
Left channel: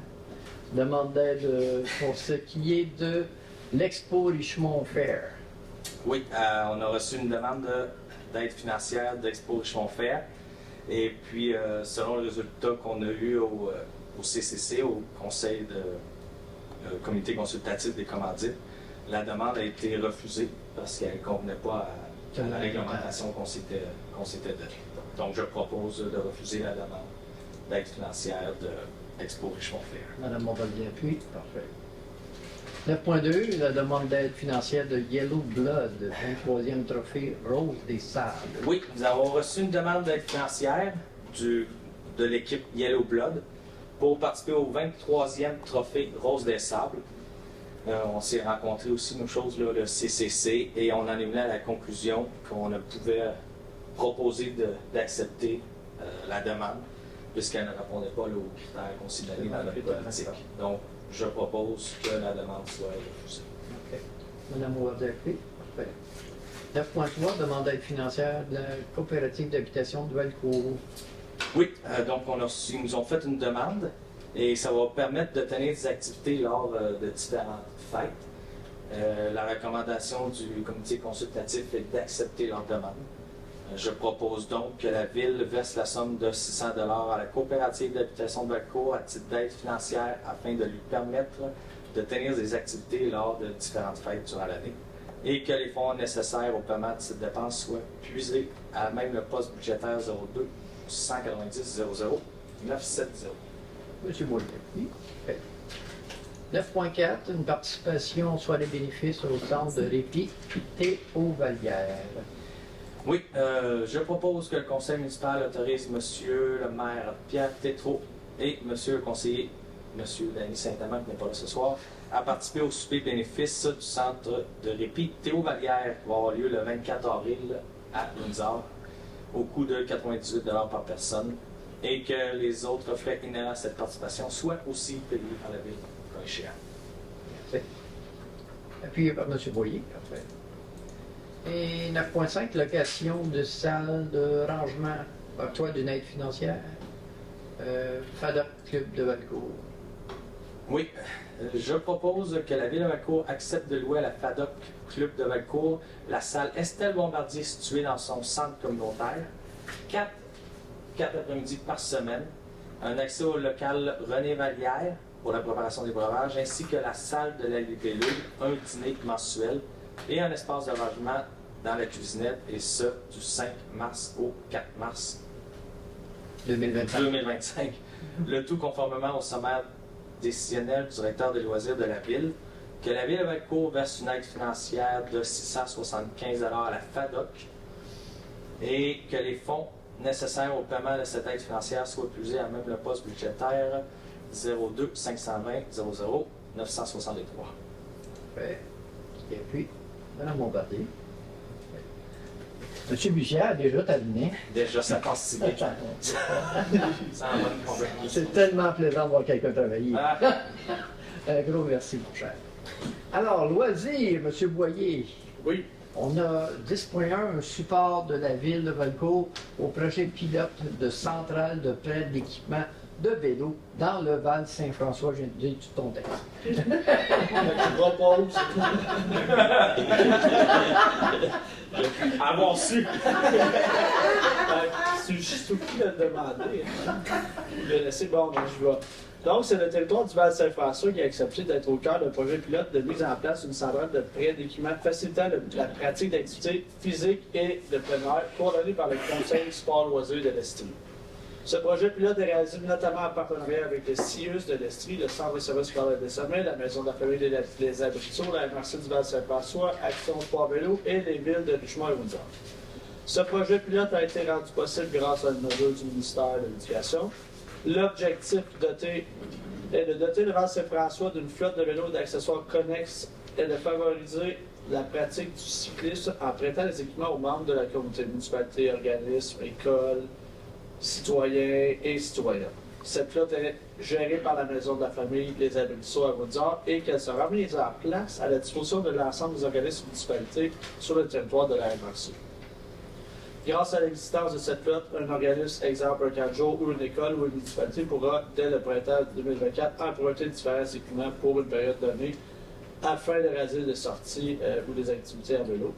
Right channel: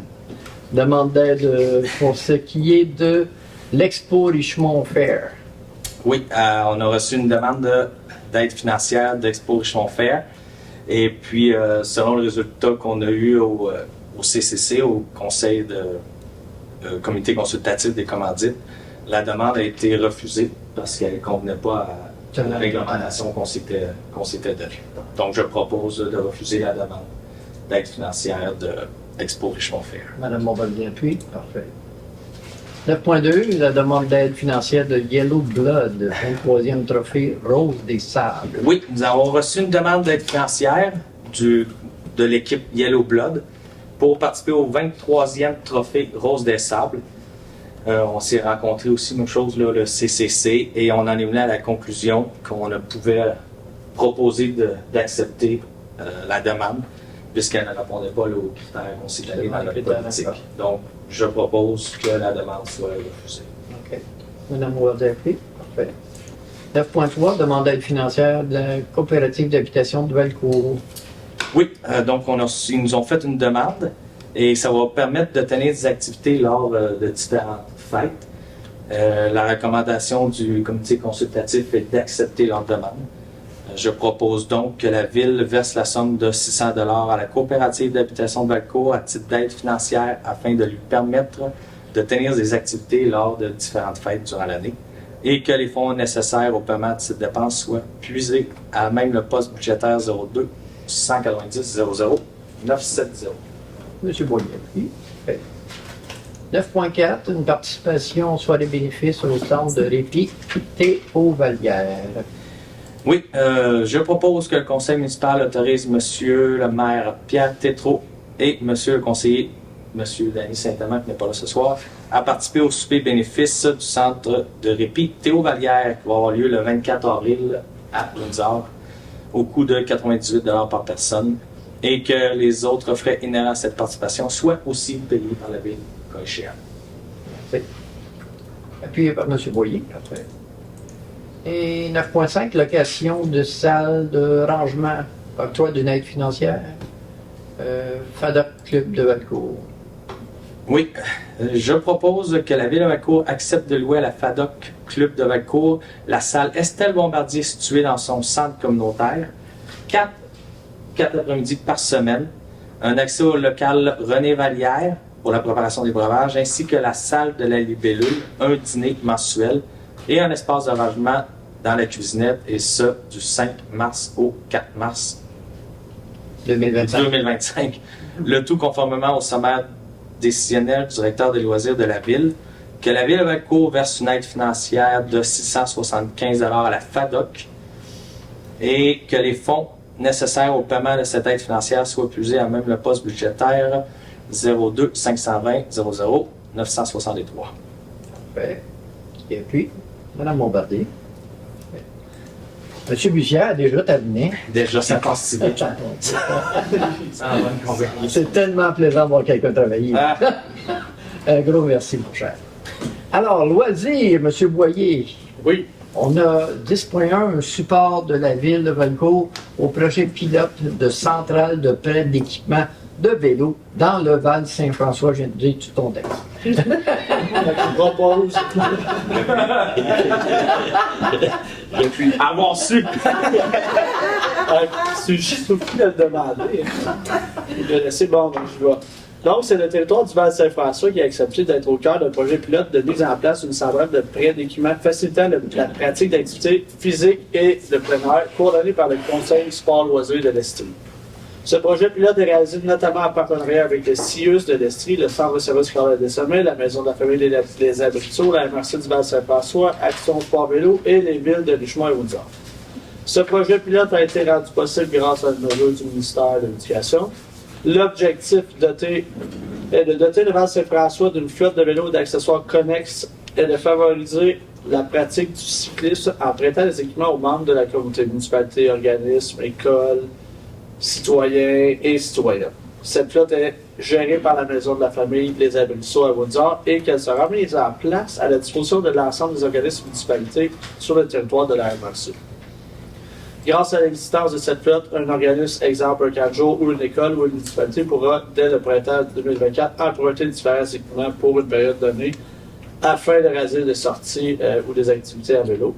Demande d'aide pour ce qui est de l'Expo Richemont Fair. Oui, on a reçu une demande d'aide financière d'Expo Richemont Fair. Et puis, selon le résultat qu'on a eu au CCC, au Conseil de Comité consultatif des commandites, la demande a été refusée parce qu'elle ne convenait pas à la réglementation qu'on s'était donnée. Donc, je propose de refuser la demande d'aide financière de Expo Richemont Fair. Madame Bombardier appuie. Parfait. 9.2, la demande d'aide financière de Yellow Blood, 23e trophée Rose des Sables. Oui, nous avons reçu une demande d'aide financière de l'équipe Yellow Blood pour participer au 23e trophée Rose des Sables. On s'est rencontrés aussi, même chose, là, le CCC, et on en est venu à la conclusion qu'on ne pouvait proposer d'accepter la demande, puisqu'elle ne répondait pas aux critères considérés dans notre politique. Donc, je propose que la demande soit refusée. OK. Madame Wardell-P. Parfait. 9.3, demande d'aide financière de la coopérative d'habitation de Valcourt. Oui, donc ils nous ont fait une demande et ça va permettre de tenir des activités lors de différentes fêtes. La recommandation du comité consultatif est d'accepter leur demande. Je propose donc que la Ville verse la somme de 600 $ à la coopérative d'habitation de Valcourt à titre d'aide financière afin de lui permettre de tenir des activités lors de différentes fêtes durant l'année et que les fonds nécessaires au paiement de cette dépense soient puisés à même le poste budgétaire 02 190 00 970. Monsieur Boyer. Oui. Parfait. 9.4, une participation soit des bénéfices au centre de répit Théo Vallière. Oui, je propose que le conseil municipal autorise Monsieur le maire Pierre Tétrault et Monsieur le conseiller, Monsieur Danny Saint-Amand, qui n'est pas là ce soir, à participer au souper bénéfice du centre de répit Théo Vallière, qui va avoir lieu le 24 avril à Windsor, au coût de 98 $ par personne, et que les autres frais inhérents à cette participation soient aussi payés par la Ville, cas échéant. Merci. Appuyé par M. Boyer. Parfait. Et 9.5, location de salle de rangement, octroi d'une aide financière, FADOC Club de Valcourt. Oui, je propose que la Ville de Valcourt accepte de louer à la FADOC Club de Valcourt la salle Estelle Bombardier située dans son centre communautaire, 4 après-midi par semaine, un accès au local René Vallière pour la préparation des breuvages, ainsi que la salle de la libellule, un dîner mensuel et un espace de rangement dans la cuisinette, et ce, du 5 mars au 4 mars 2025. Le tout conformément au sommaire décisionnel du directeur des loisirs de la Ville, que la Ville de Valcourt verse une aide financière de 675 $ à la FADOC et que les fonds nécessaires au paiement de cette aide financière soient puisés à même le poste budgétaire 02 520 00 963. Parfait. Et puis, Mme Bombardier. M. Bussière a déjà terminé. Déjà, ça passe si vite. C'est tellement plaisant de voir quelqu'un travailler. Ah. Un gros merci, mon cher. Alors, loisirs, M. Boyer. Oui. On a 10.1, un support de la Ville de Valcourt au projet pilote de centrale de prêt d'équipement de vélo dans le Val Saint-François. Je viens de dire tout ton texte. Je propose. Depuis avoir su. C'est juste au de le demander. Je vais laisser bon, donc je vois. Donc, c'est le territoire du Val Saint-François qui a accepté d'être au cœur d'un projet pilote de mise en place d'une centrale de prêt d'équipement facilitant la pratique d'activités physiques et de plein air, coordonnée par le Conseil sport loisirs de l'Estrie. Ce projet pilote est réalisé notamment en partenariat avec le CIUS de l'Estrie, le Centre de services scolaires des Sommets, la Maison de la famille des Abriteaux, la MRC du Val Saint-François, Action Sport Vélo et les villes de Richemont et Windsor. Ce projet pilote a été rendu possible grâce à une mesure du ministère de l'Éducation. L'objectif est de doter le Val Saint-François d'une flotte de vélos et d'accessoires connexes et de favoriser la pratique du cyclisme en prêtant des équipements aux membres de la communauté, municipalité, organismes, écoles, citoyens et citoyennes. Cette flotte est gérée par la Maison de la famille Les Abriteaux à Windsor et qu'elle sera mise en place à la disposition de l'ensemble des organismes et municipalités sur le territoire de la MRC. Grâce à l'existence de cette flotte, un organisme, exemple un camp de jour ou une école ou une municipalité pourra, dès le printemps 2024, emprunter différents équipements pour une période donnée afin de réaliser des sorties ou des activités à vélo.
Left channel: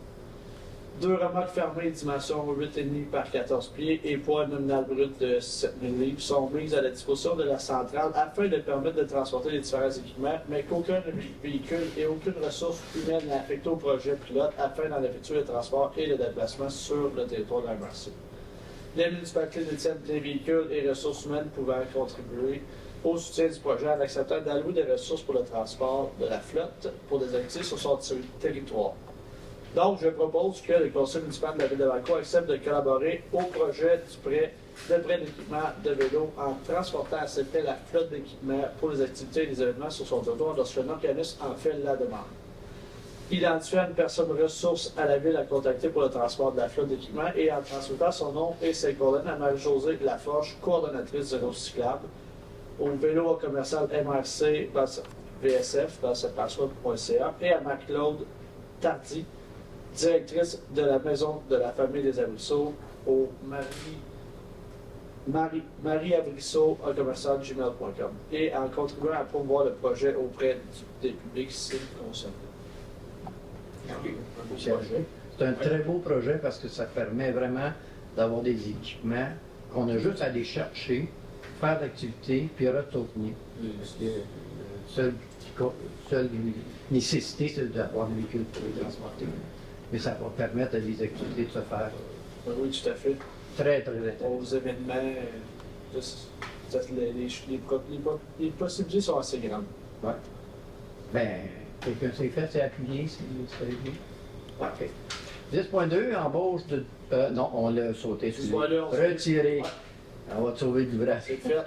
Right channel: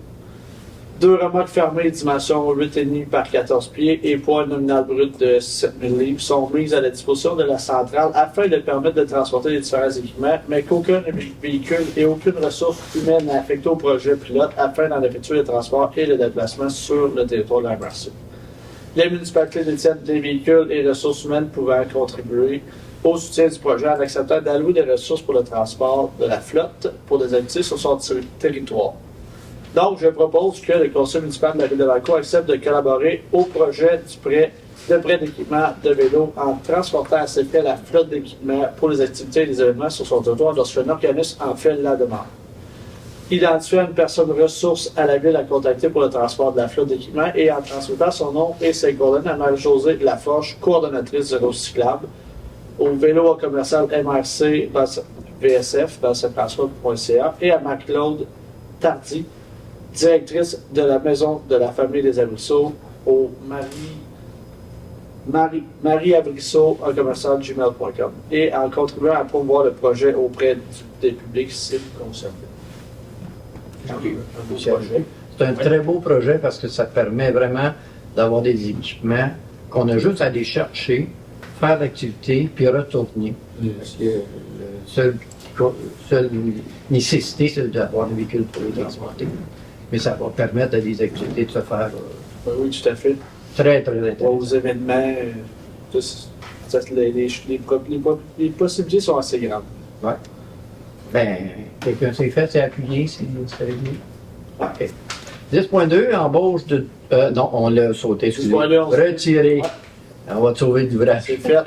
2 remorques fermées dimension 8,5 par 14 pieds et poids nominal brut de 7000 livres sont mises à la disposition de la centrale afin de permettre de transporter les différents équipements, mais qu'aucun véhicule et aucune ressource humaine n'est affectée au projet pilote afin d'en effectuer le transport et le déplacement sur le territoire de la MRC. Les municipalités détiennent des véhicules et ressources humaines pouvant contribuer au soutien du projet en acceptant d'allouer des ressources pour le transport de la flotte pour des activités sur son territoire. Donc, je propose que le conseil municipal de la Ville de Valcourt accepte de collaborer au projet du prêt d'équipement de vélo en transportant à ses frais la flotte d'équipement pour les activités et les événements sur son territoire lorsqu'un organisme en fait la demande. identifier une personne ressource à la ville à contacter pour le transport de la flotte d'équipement et en transmettant son nom et ses coordonnées à Marie-Josée Laforge, coordonnatrice de cyclable, au vélo commercial MRC dans VSF dans ce transport.ca et à Marie-Claude Tardy, directrice de la Maison de la Famille des Abrisseaux, au Marie Abrisseau en commercial gmail.com et en contribuant à promouvoir le projet auprès des publics cibles concernés. C'est un très beau projet parce que ça permet vraiment d'avoir des équipements qu'on a juste à aller chercher, faire l'activité, puis retourner. Parce que seule nécessité, c'est d'avoir un véhicule pour les transporter. Mais ça va permettre à des activités de se faire Oui, tout à fait. très, très intéressant. Aux événements, les possibilités sont assez grandes. Ben, quelqu'un s'est fait, c'est appuyé, c'est réglé. OK. 10.2, embauche de... non, on l'a sauté. 10.2, on l'a retiré. On va te sauver du vrai. C'est fait.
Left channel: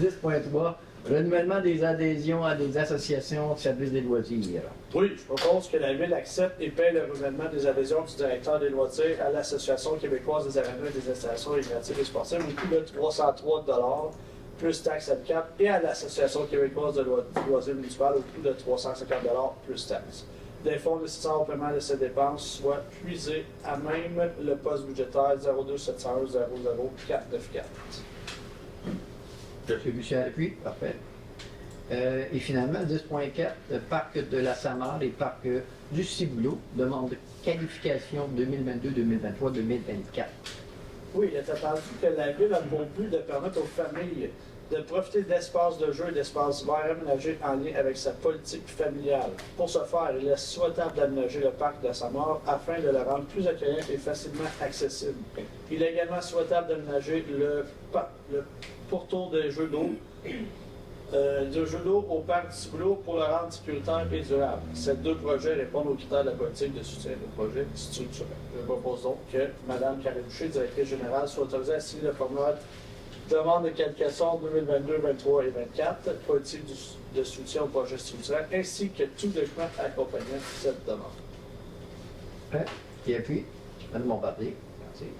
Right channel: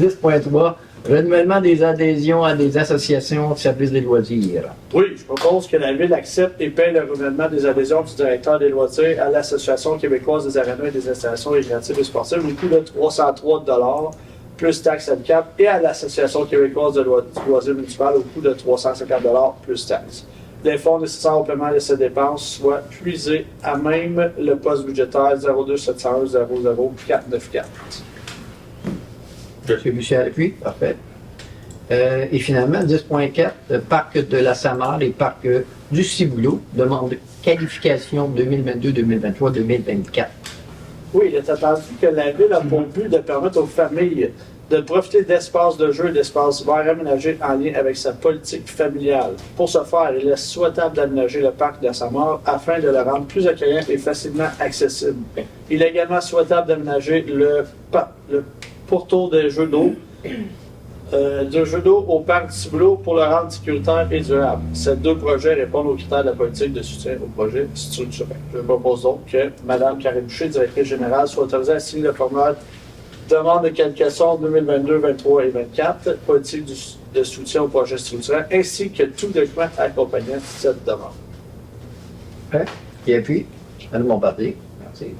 10.3, renouvellement des adhésions à des associations de services des loisirs. Oui, je propose que la Ville accepte et paie le renouvellement des adhésions du directeur des loisirs à l'Association québécoise des arénas et des installations récréatives et sportives au coût de 303 $ plus taxes handicap et à l'Association québécoise de loisirs municipal au coût de 350 $ plus taxes. Les fonds nécessaires au paiement de ces dépenses soient puisés à même le poste budgétaire 02 701 00 494. M. Boucher appuie, parfait. Et finalement, 10.4, le parc de la Samar et parc du Ciboulot demande qualification 2022, 2023, 2024. Oui, il est attendu que la Ville a pour but de permettre aux familles de profiter d'espaces de jeu et d'espaces verts aménagés en lien avec sa politique familiale. Pour ce faire, il est souhaitable d'aménager le parc de Samar afin de le rendre plus accueillant et facilement accessible. Il est également souhaitable d'aménager le pourtour des jeux d'eau au parc du Ciboulot pour le rendre sécuritaire et durable. Ces deux projets répondent aux critères de la politique de soutien au projet structurel. Je propose donc que Mme Karine Boucher, directrice générale, soit autorisée à signer le formulaire demande de qualification 2022, 2023 et 2024, politique de soutien au projet structurel, ainsi que tout document accompagnant cette demande. Hein? Qui appuie? Madame Bombardier. Merci.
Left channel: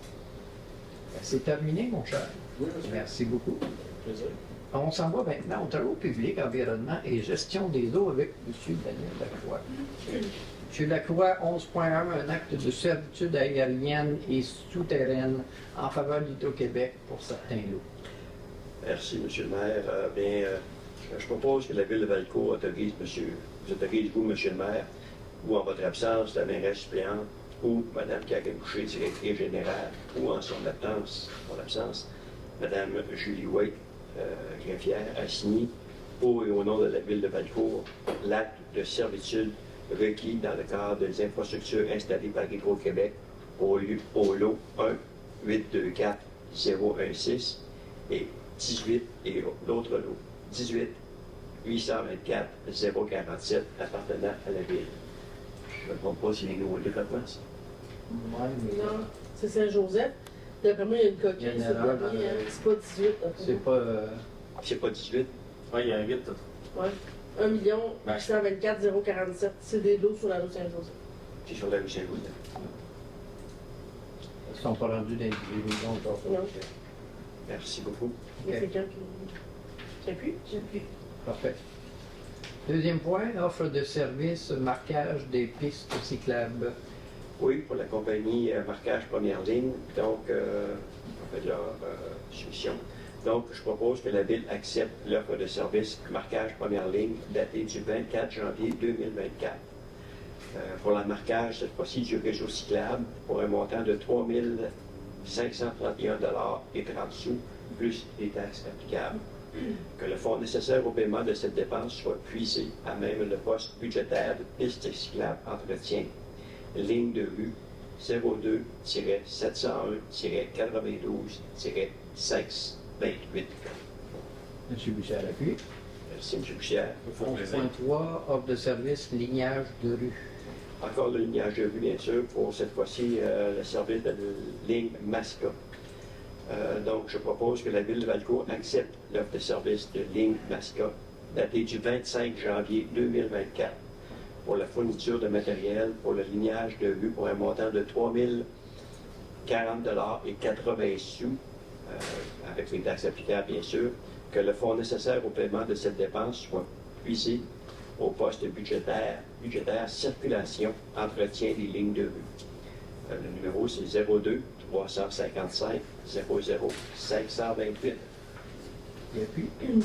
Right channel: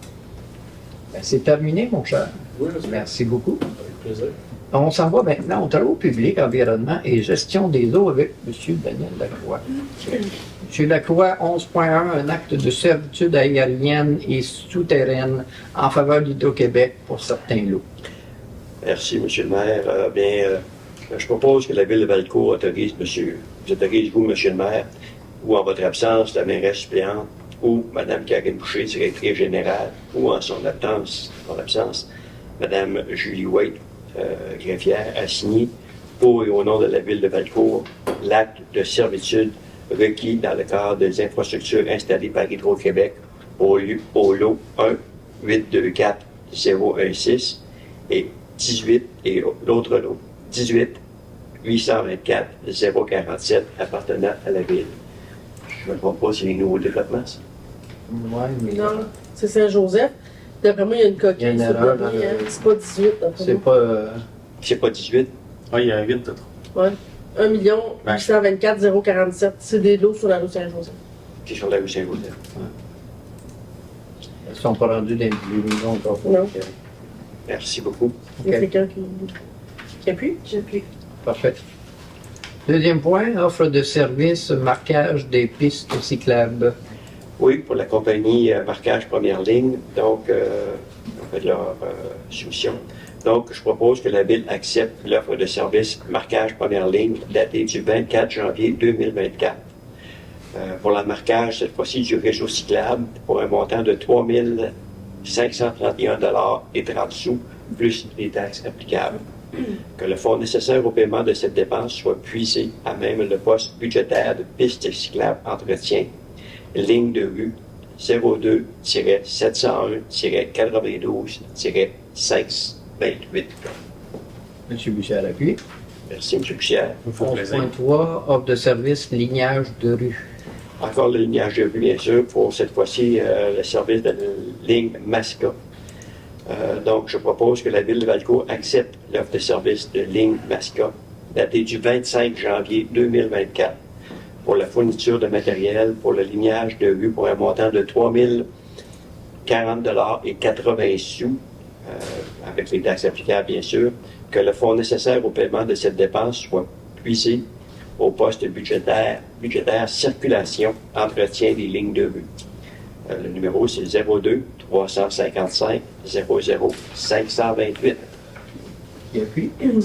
Ben, c'est terminé, mon cher. Oui, monsieur. Merci beaucoup. Avec plaisir. On s'en va maintenant aux travaux publics, environnement et gestion des eaux avec M. Daniel Lacroix. M. Lacroix, 11.1, un acte de servitude aérienne et souterraine en faveur d'Hydro-Québec pour certains lots. Merci, M. le maire. Je propose que la Ville de Valcourt autorise, vous, M. le maire, ou en votre absence, la mairesse suppléante, ou Mme Karine Boucher, directrice générale, ou en son absence, Mme Julie White, greffière, a signé pour et au nom de la Ville de Valcourt l'acte de servitude requis dans le cadre des infrastructures installées par Hydro-Québec au lot 1 824 016 et 18 et l'autre lot 18 824 047 appartenant à la Ville. Je ne me trompe pas, c'est les nouveaux développements, ça. Oui, mais Non, c'est Saint-Joseph. D'après moi, il y a une coquille Il y a une sur le erreur premier, dans le- hein. C'est pas 18, d'après c'est moi. pas... C'est pas 18? Ah, il y a un 8 de trop. Ouais. 1 824 047. C'est des lots sur la rue Saint-Joseph. C'est sur la rue Saint-Joseph. Ils ne sont pas rendus dans les maisons encore. Non. Merci beaucoup. Il y a Ok. quelqu'un qui appuie? J'appuie. Parfait. Deuxième point, offre de service, marquage des pistes cyclables. Oui, pour la compagnie Marquage Première Ligne, donc, on fait de leur soumission. Donc, je propose que la Ville accepte l'offre de service Marquage Première Ligne datée du 24 janvier 2024. Pour le marquage, cette fois-ci, du réseau cyclable, pour un montant de 3 531 $ et 30 sous, plus les taxes applicables. Que le fonds nécessaire au paiement de cette dépense soit puisé à même le poste budgétaire de piste cyclable entretien, ligne de rue 02-701-92-528. M. Boucher à l'appui. Merci, M. Bouchière. 11.3, offre de service, lignage de rue. Encore le lignage de rue, bien sûr, pour cette fois-ci le service de la ligne Masca. Donc, je propose que la Ville de Valcourt accepte l'offre de service de ligne Masca, datée du 25 janvier 2024, pour la fourniture de matériel pour le lignage de rue pour un montant de 3 040 et 80 sous, avec les taxes applicables bien sûr, que le fonds nécessaire au paiement de cette dépense soit puisé au poste budgétaire circulation, entretien des lignes de rue. Le numéro, c'est 02 355 00 528. Et puis, M.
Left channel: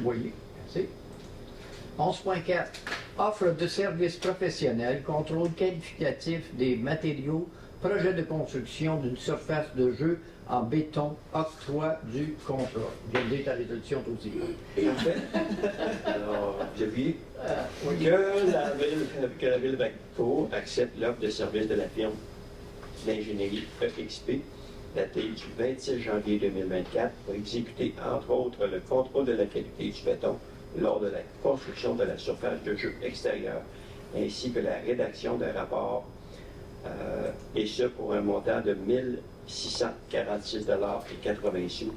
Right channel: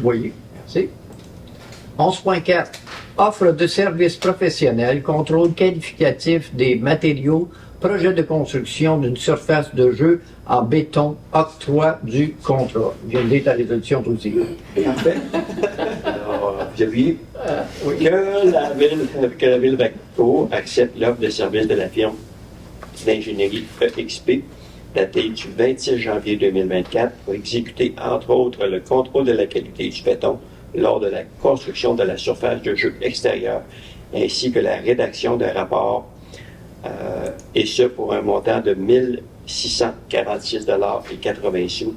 Boyer, merci. 11.4. Offre de services professionnels, contrôle qualificatif des matériaux, projet de construction d'une surface de jeu en béton, octroi du contrat. Je viens de lire ta résolution aussi. Parfait. Alors, vous avez vu Oui. que la Ville Vaco accepte l'offre de service de la firme d'ingénierie EXP, datée du 26 janvier 2024, pour exécuter, entre autres, le contrôle de la qualité du béton lors de la construction de la surface de jeu extérieure, ainsi que la rédaction d'un rapport, et ce pour un montant de 1 646 et 80 sous,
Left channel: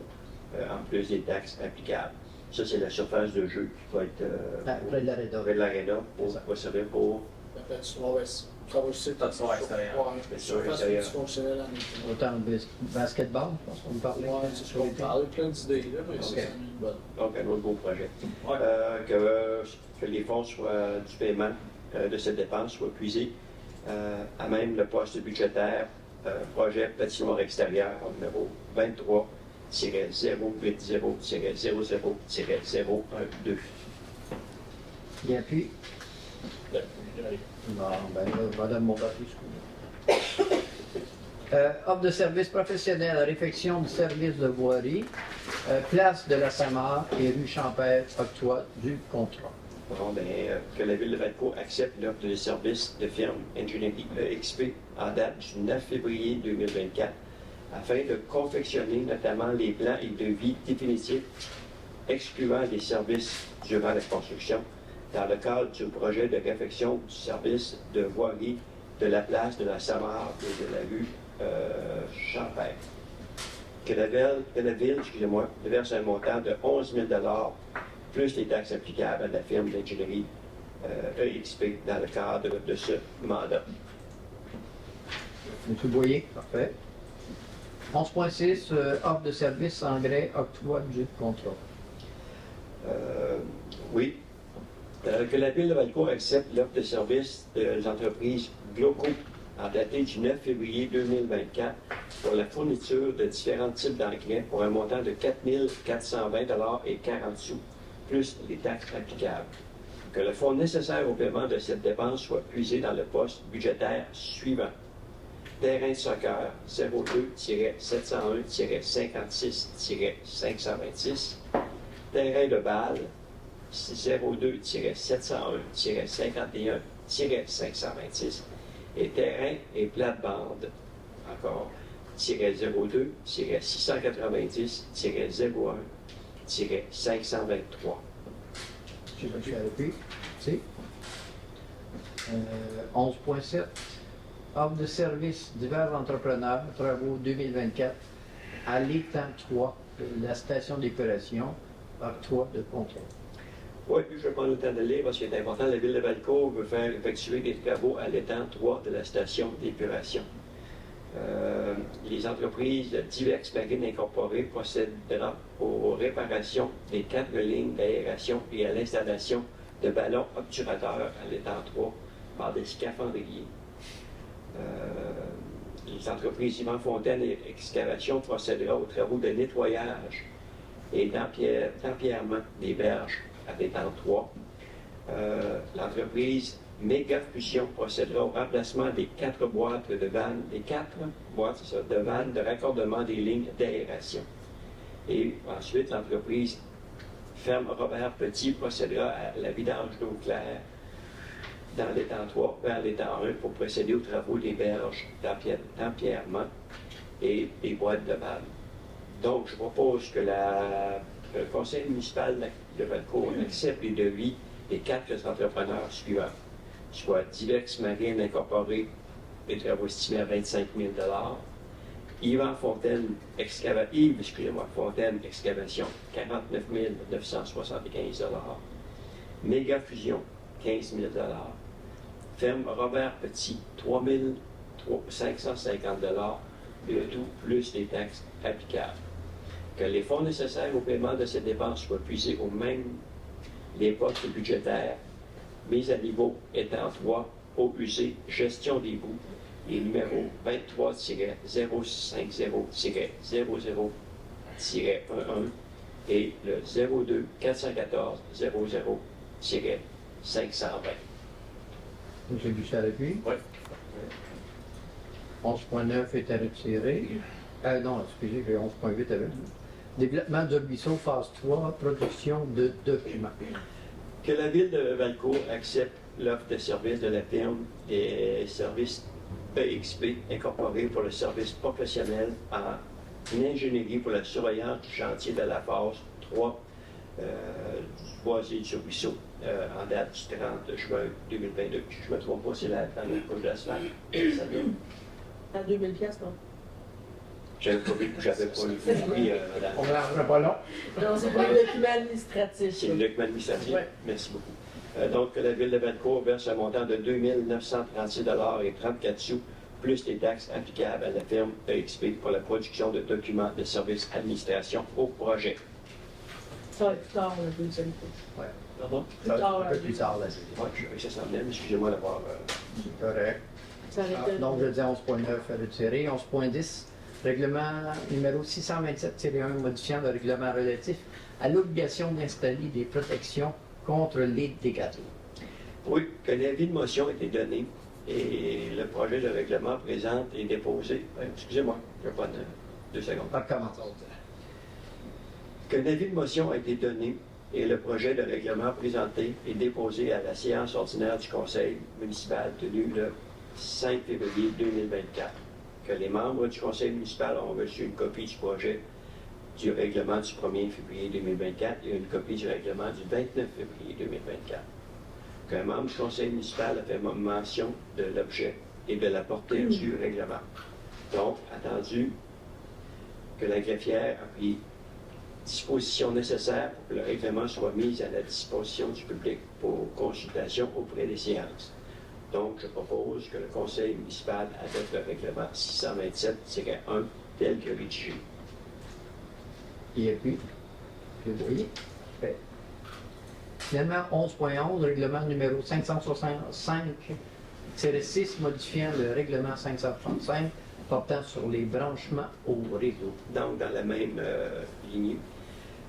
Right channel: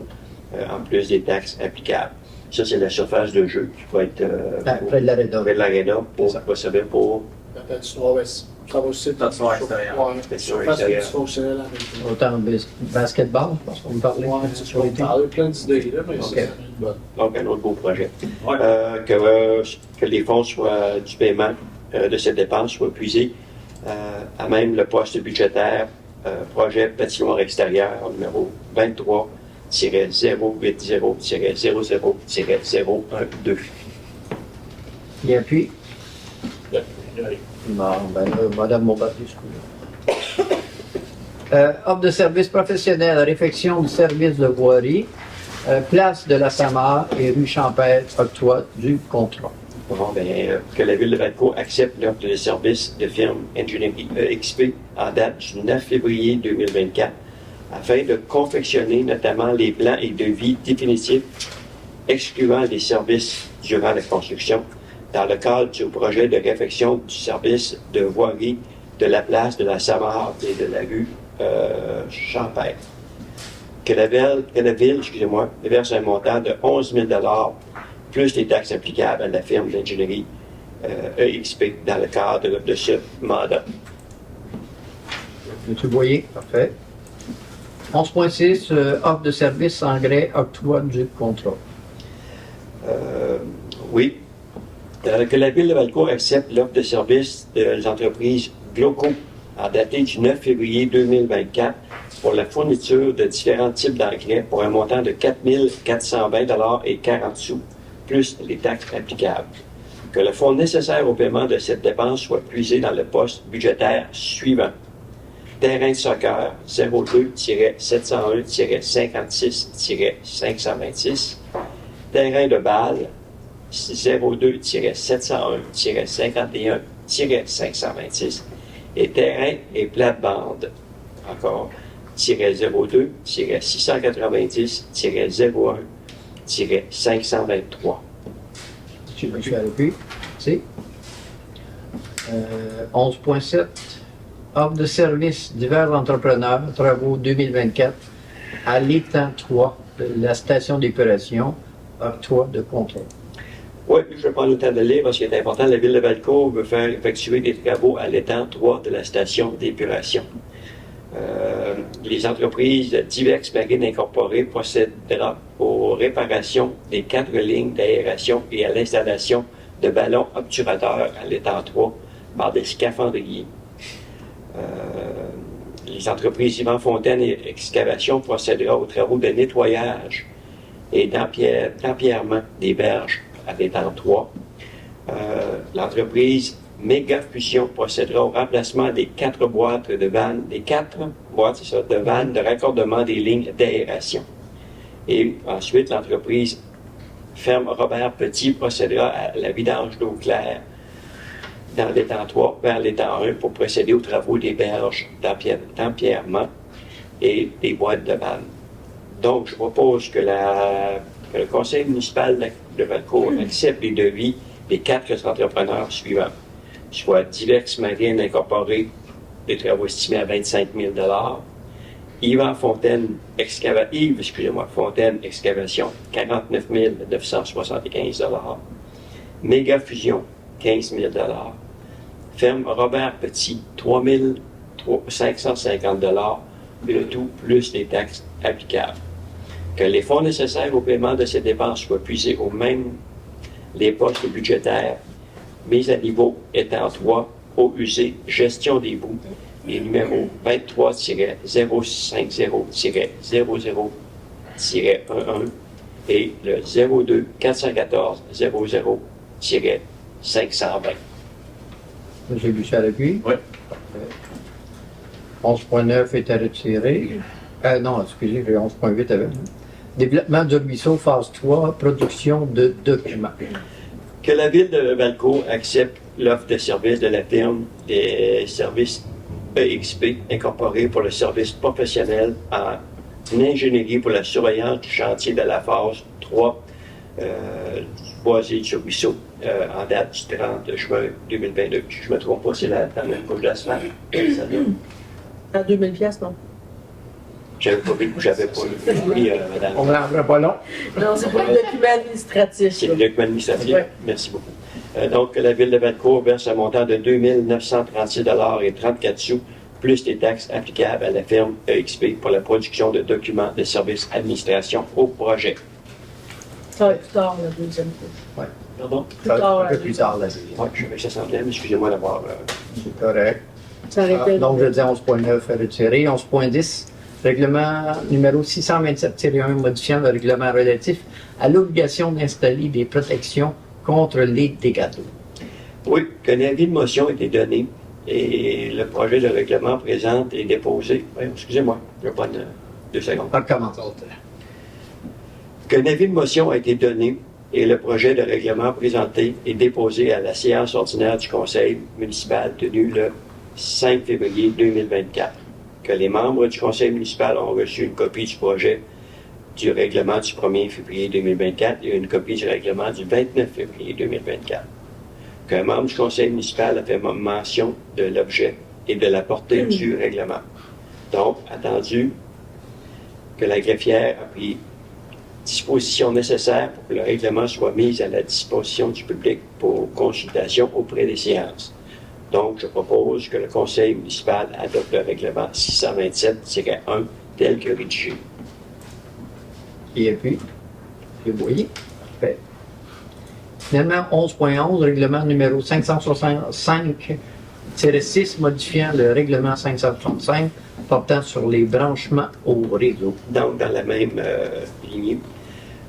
en plus des taxes applicables. Ça, c'est la surface de jeu qui va être Près de l'aréna. près de l'aréna pour va servir pour La patinoire, ouais, ça va aussi être Patinoire extérieure. Ouais, Patinoire surface extérieure. multifonctionnelle en même temps. Autant basketball, je pense qu'on me parlait. Ouais, tu peux parler plein d'idées, là, mais Ok. ça, c'est bon. donc un autre beau projet. Ouais. Que les fonds soient, du paiement de cette dépense soient puisés à même le poste budgétaire projet patinoire extérieur numéro 23-080-00-012. Et puis, Allez. bon, ben là, Madame Montbardier, offre de services professionnels, réfection du service de voirie, place de la Samar et rue Champêtre, octroi du contrat. Bon, que la Ville de Valco accepte l'offre de service de firme Ingénierie EXP en date du 9 février 2024 afin de confectionner notamment les plans et devis définitifs excluant les services durant la construction dans le cadre du projet de réfection du service de voirie de la place de la Samar et de la rue Champêtre. Que la ville verse un montant de 11 000 plus les taxes applicables à la firme d'ingénierie EXP dans le cadre de ce mandat. M. Boyer, parfait. 11.6, offre de service engrais, octroi du contrat. Oui. Que la Ville de Valcourt accepte l'offre de service des entreprises Gloco en daté du 9 février 2024 pour la fourniture de différents types d'engrais pour un montant de 4 420 et 40 sous, plus les taxes applicables. Que le fonds nécessaire au paiement de cette dépense soit puisé dans le poste budgétaire suivant. Terrain de soccer 02-701-56-526-526. Terrain de balle 02-701-51-526. Et terrain et plate-bande, encore, 02-690-01-523. Je suis à l'appui. Merci. 11.7, offre de service divers entrepreneurs, travaux 2024, à l'étang 3 de la station d'épuration, octroi de contrat. Oui, je vais prendre le temps de le lire parce qu'il est important. La Ville de Valcourt veut faire effectuer des travaux à l'étang 3 de la station d'épuration. Les entreprises Diverx Marine Incorporée procédera aux réparations des 4 lignes d'aération et à l'installation de ballons obturateurs à l'étang 3 par des scaphandriers. Les entreprises Yvan Fontaine et Excavation procédera aux travaux de nettoyage et d'empierrement des berges à l'étang 3. L'entreprise Méga Fusion procédera au remplacement des 4 boîtes de vannes, de vannes de raccordement des lignes d'aération. Et ensuite, l'entreprise Ferme Robert Petit procédera à la vidange d'eau claire dans l'étang 3 vers l'étang 1 pour procéder aux travaux des berges d'empierrement et des boîtes de vannes. Donc, je propose que le conseil municipal de Valcourt accepte les devis des 4 entrepreneurs suivants, soit Diverx Marine Incorporée, des travaux estimés à 25 000 Yves Fontaine Excavation, 49 975 Méga Fusion, 15 000 ferme Robert Petit, 3 550 et le tout plus les taxes applicables. Que les fonds nécessaires au paiement de ces dépenses soient puisés aux mêmes les postes budgétaires mis à niveau étant 3, eau usée, gestion des boues, et numéro 23-00-00-11 et le 02 414 00-520. Monsieur Bouchard-Lepuis? Oui. 11.9 est à retirer. Non, excusez, j'ai 11.8 avec. Développement du ruisseau, phase 3, production de documents. Que la ville de Valcourt accepte l'offre de service de la firme des services EXP incorporée pour le service professionnel en ingénierie pour la surveillance du chantier de la phase 3 du boisier du ruisseau en date du 30 juin 2022. Si je ne me trompe pas, c'est la même couche d'asphalte. À 2000 pièces, non? J'avais pas vu, madame. On ne rendra pas long. Non, c'est pour le document administratif. C'est le document administratif. Ouais. Merci beaucoup. Donc, la Ville de Valcourt verse un montant de 2 936,34 plus les taxes applicables à la firme EXP pour la production de documents de services administration au projet. Ça va être plus tard, la deuxième couche. Pardon? Plus tard, Un la peu plus deuxième. tard, la deuxième. Oui, je savais que ça semblait, mais excusez-moi d'avoir... C'est correct. Ça aurait été- Donc, je dis 11.9 à retirer. 11.10, règlement numéro 627-1 modifiant le règlement relatif à l'obligation d'installer des protections contre les dégâts d'eau. Oui, qu'un avis de motion a été donné et le projet de règlement présent est déposé. Oui, excusez-moi, je vais prendre 2 secondes. On recommence. Qu'un avis de motion a été donné et le projet de règlement présenté est déposé à la séance ordinaire du Conseil municipal tenue le 5 février 2024. Que les membres du Conseil municipal ont reçu une copie du projet du règlement du 1er février 2024 et une copie du règlement du 29 février 2024. Qu'un membre du Conseil municipal a fait mention de l'objet et de la portée du règlement. Donc, attendu que la greffière a pris dispositions nécessaires pour que le règlement soit mis à la disposition du public pour consultation auprès des séances. Donc, je propose que le Conseil municipal adopte le règlement 627-1 tel que rédigé. Et puis, vous voyez. Parfait. Finalement, 11.11, règlement numéro 565-6 modifiant le règlement 565 portant sur les branchements au réseau. Donc, dans la même lignée,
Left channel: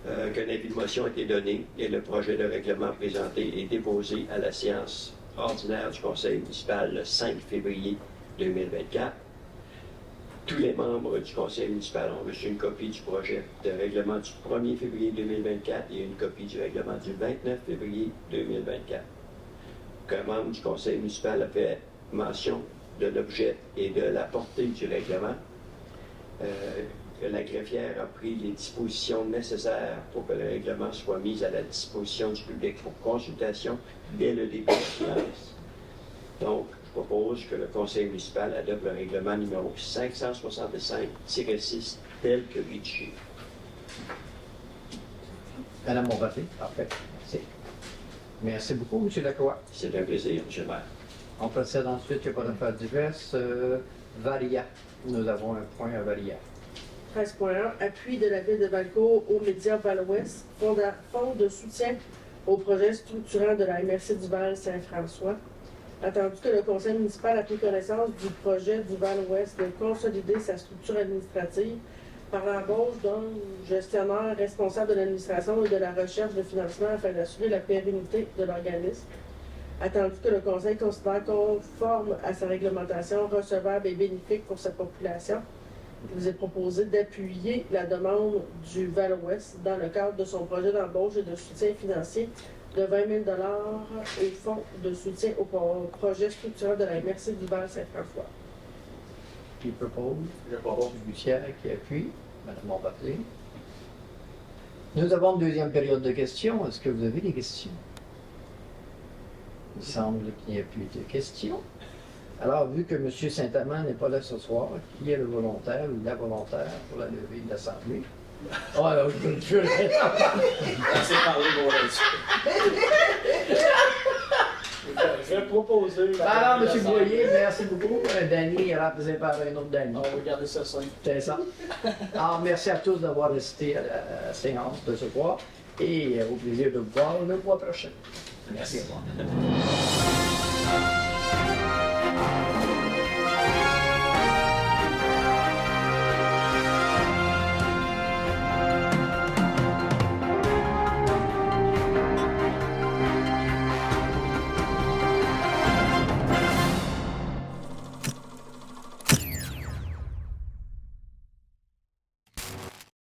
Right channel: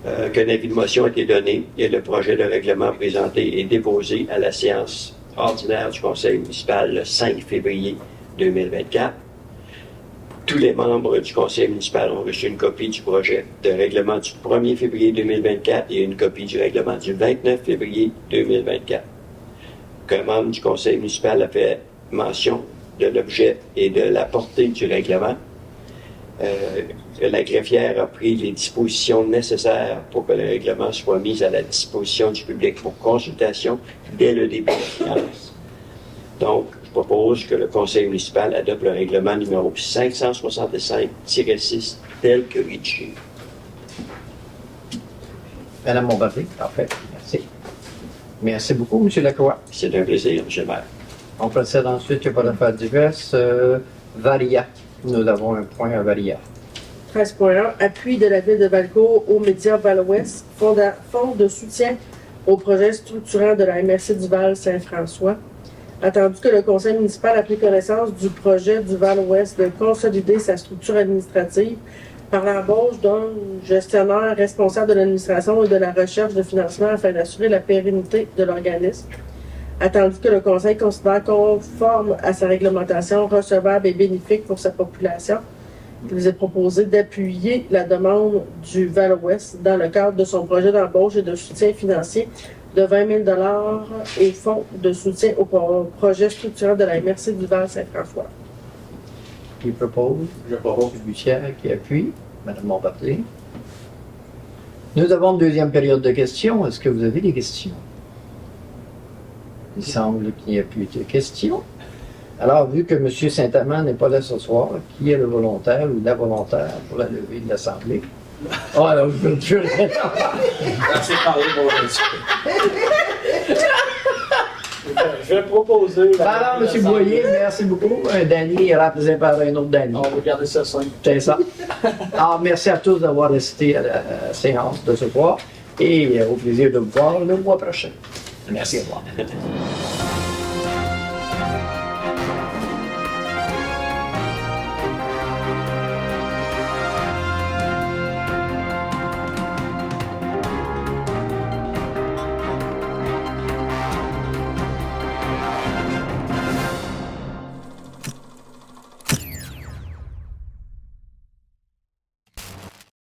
qu'un avis de motion a été donné et le projet de règlement présenté est déposé à la séance ordinaire du Conseil municipal le 5 février 2024. Tous les membres du Conseil municipal ont reçu une copie du projet de règlement du 1er février 2024 et une copie du règlement du 29 février 2024. Qu'un membre du Conseil municipal a fait mention de l'objet et de la portée du règlement. La greffière a pris les dispositions nécessaires pour que le règlement soit mis à la disposition du public pour consultation dès le début de la séance. Donc, je propose que le Conseil municipal adopte le règlement numéro 565-6 tel que rédigé. Madame Bombardier, parfait. Merci. Merci beaucoup, M. Lacroix. C'est un plaisir, M. le maire. On procède ensuite, il n'y a pas d'affaires diverses. Varia. Nous avons un point à Varia. 13.1, appui de la Ville de Valcourt aux médias Val-Ouest, fonds de soutien au projet structurant de la MRC du Val-Saint-François. Attendu que le Conseil municipal a pris connaissance du projet du Val-Ouest de consolider sa structure administrative par l'embauche d'un gestionnaire responsable de l'administration et de la recherche de financement afin d'assurer la pérennité de l'organisme. Attendu que le Conseil considère conforme à sa réglementation recevable et bénéfique pour sa population, il vous est proposé d'appuyer la demande du Val-Ouest dans le cadre de son projet d'embauche et de soutien financier de 20 000 au fonds de soutien au projet structurant de la MRC du Val-Saint-François. Qui propose? Je propose. M. Bussière qui appuie. Madame Bombardier. Nous avons une deuxième période de questions. Est-ce que vous avez des questions? Il semble qu'il n'y a plus de questions. Alors, vu que M. Saint-Amand n'est pas là ce soir, qui est le volontaire ou la volontaire pour la levée de l'Assemblée? Oh, alors, je veux le tuer. Assez parlé pour aujourd'hui. Je vais proposer. Alors, M. Boyer, merci beaucoup. Un Danny est remplacé par un autre Danny. On va garder ça simple. C'est ça. Alors, merci à tous d'avoir assisté à la séance de ce soir et au plaisir de vous voir le mois prochain. Merci, au revoir.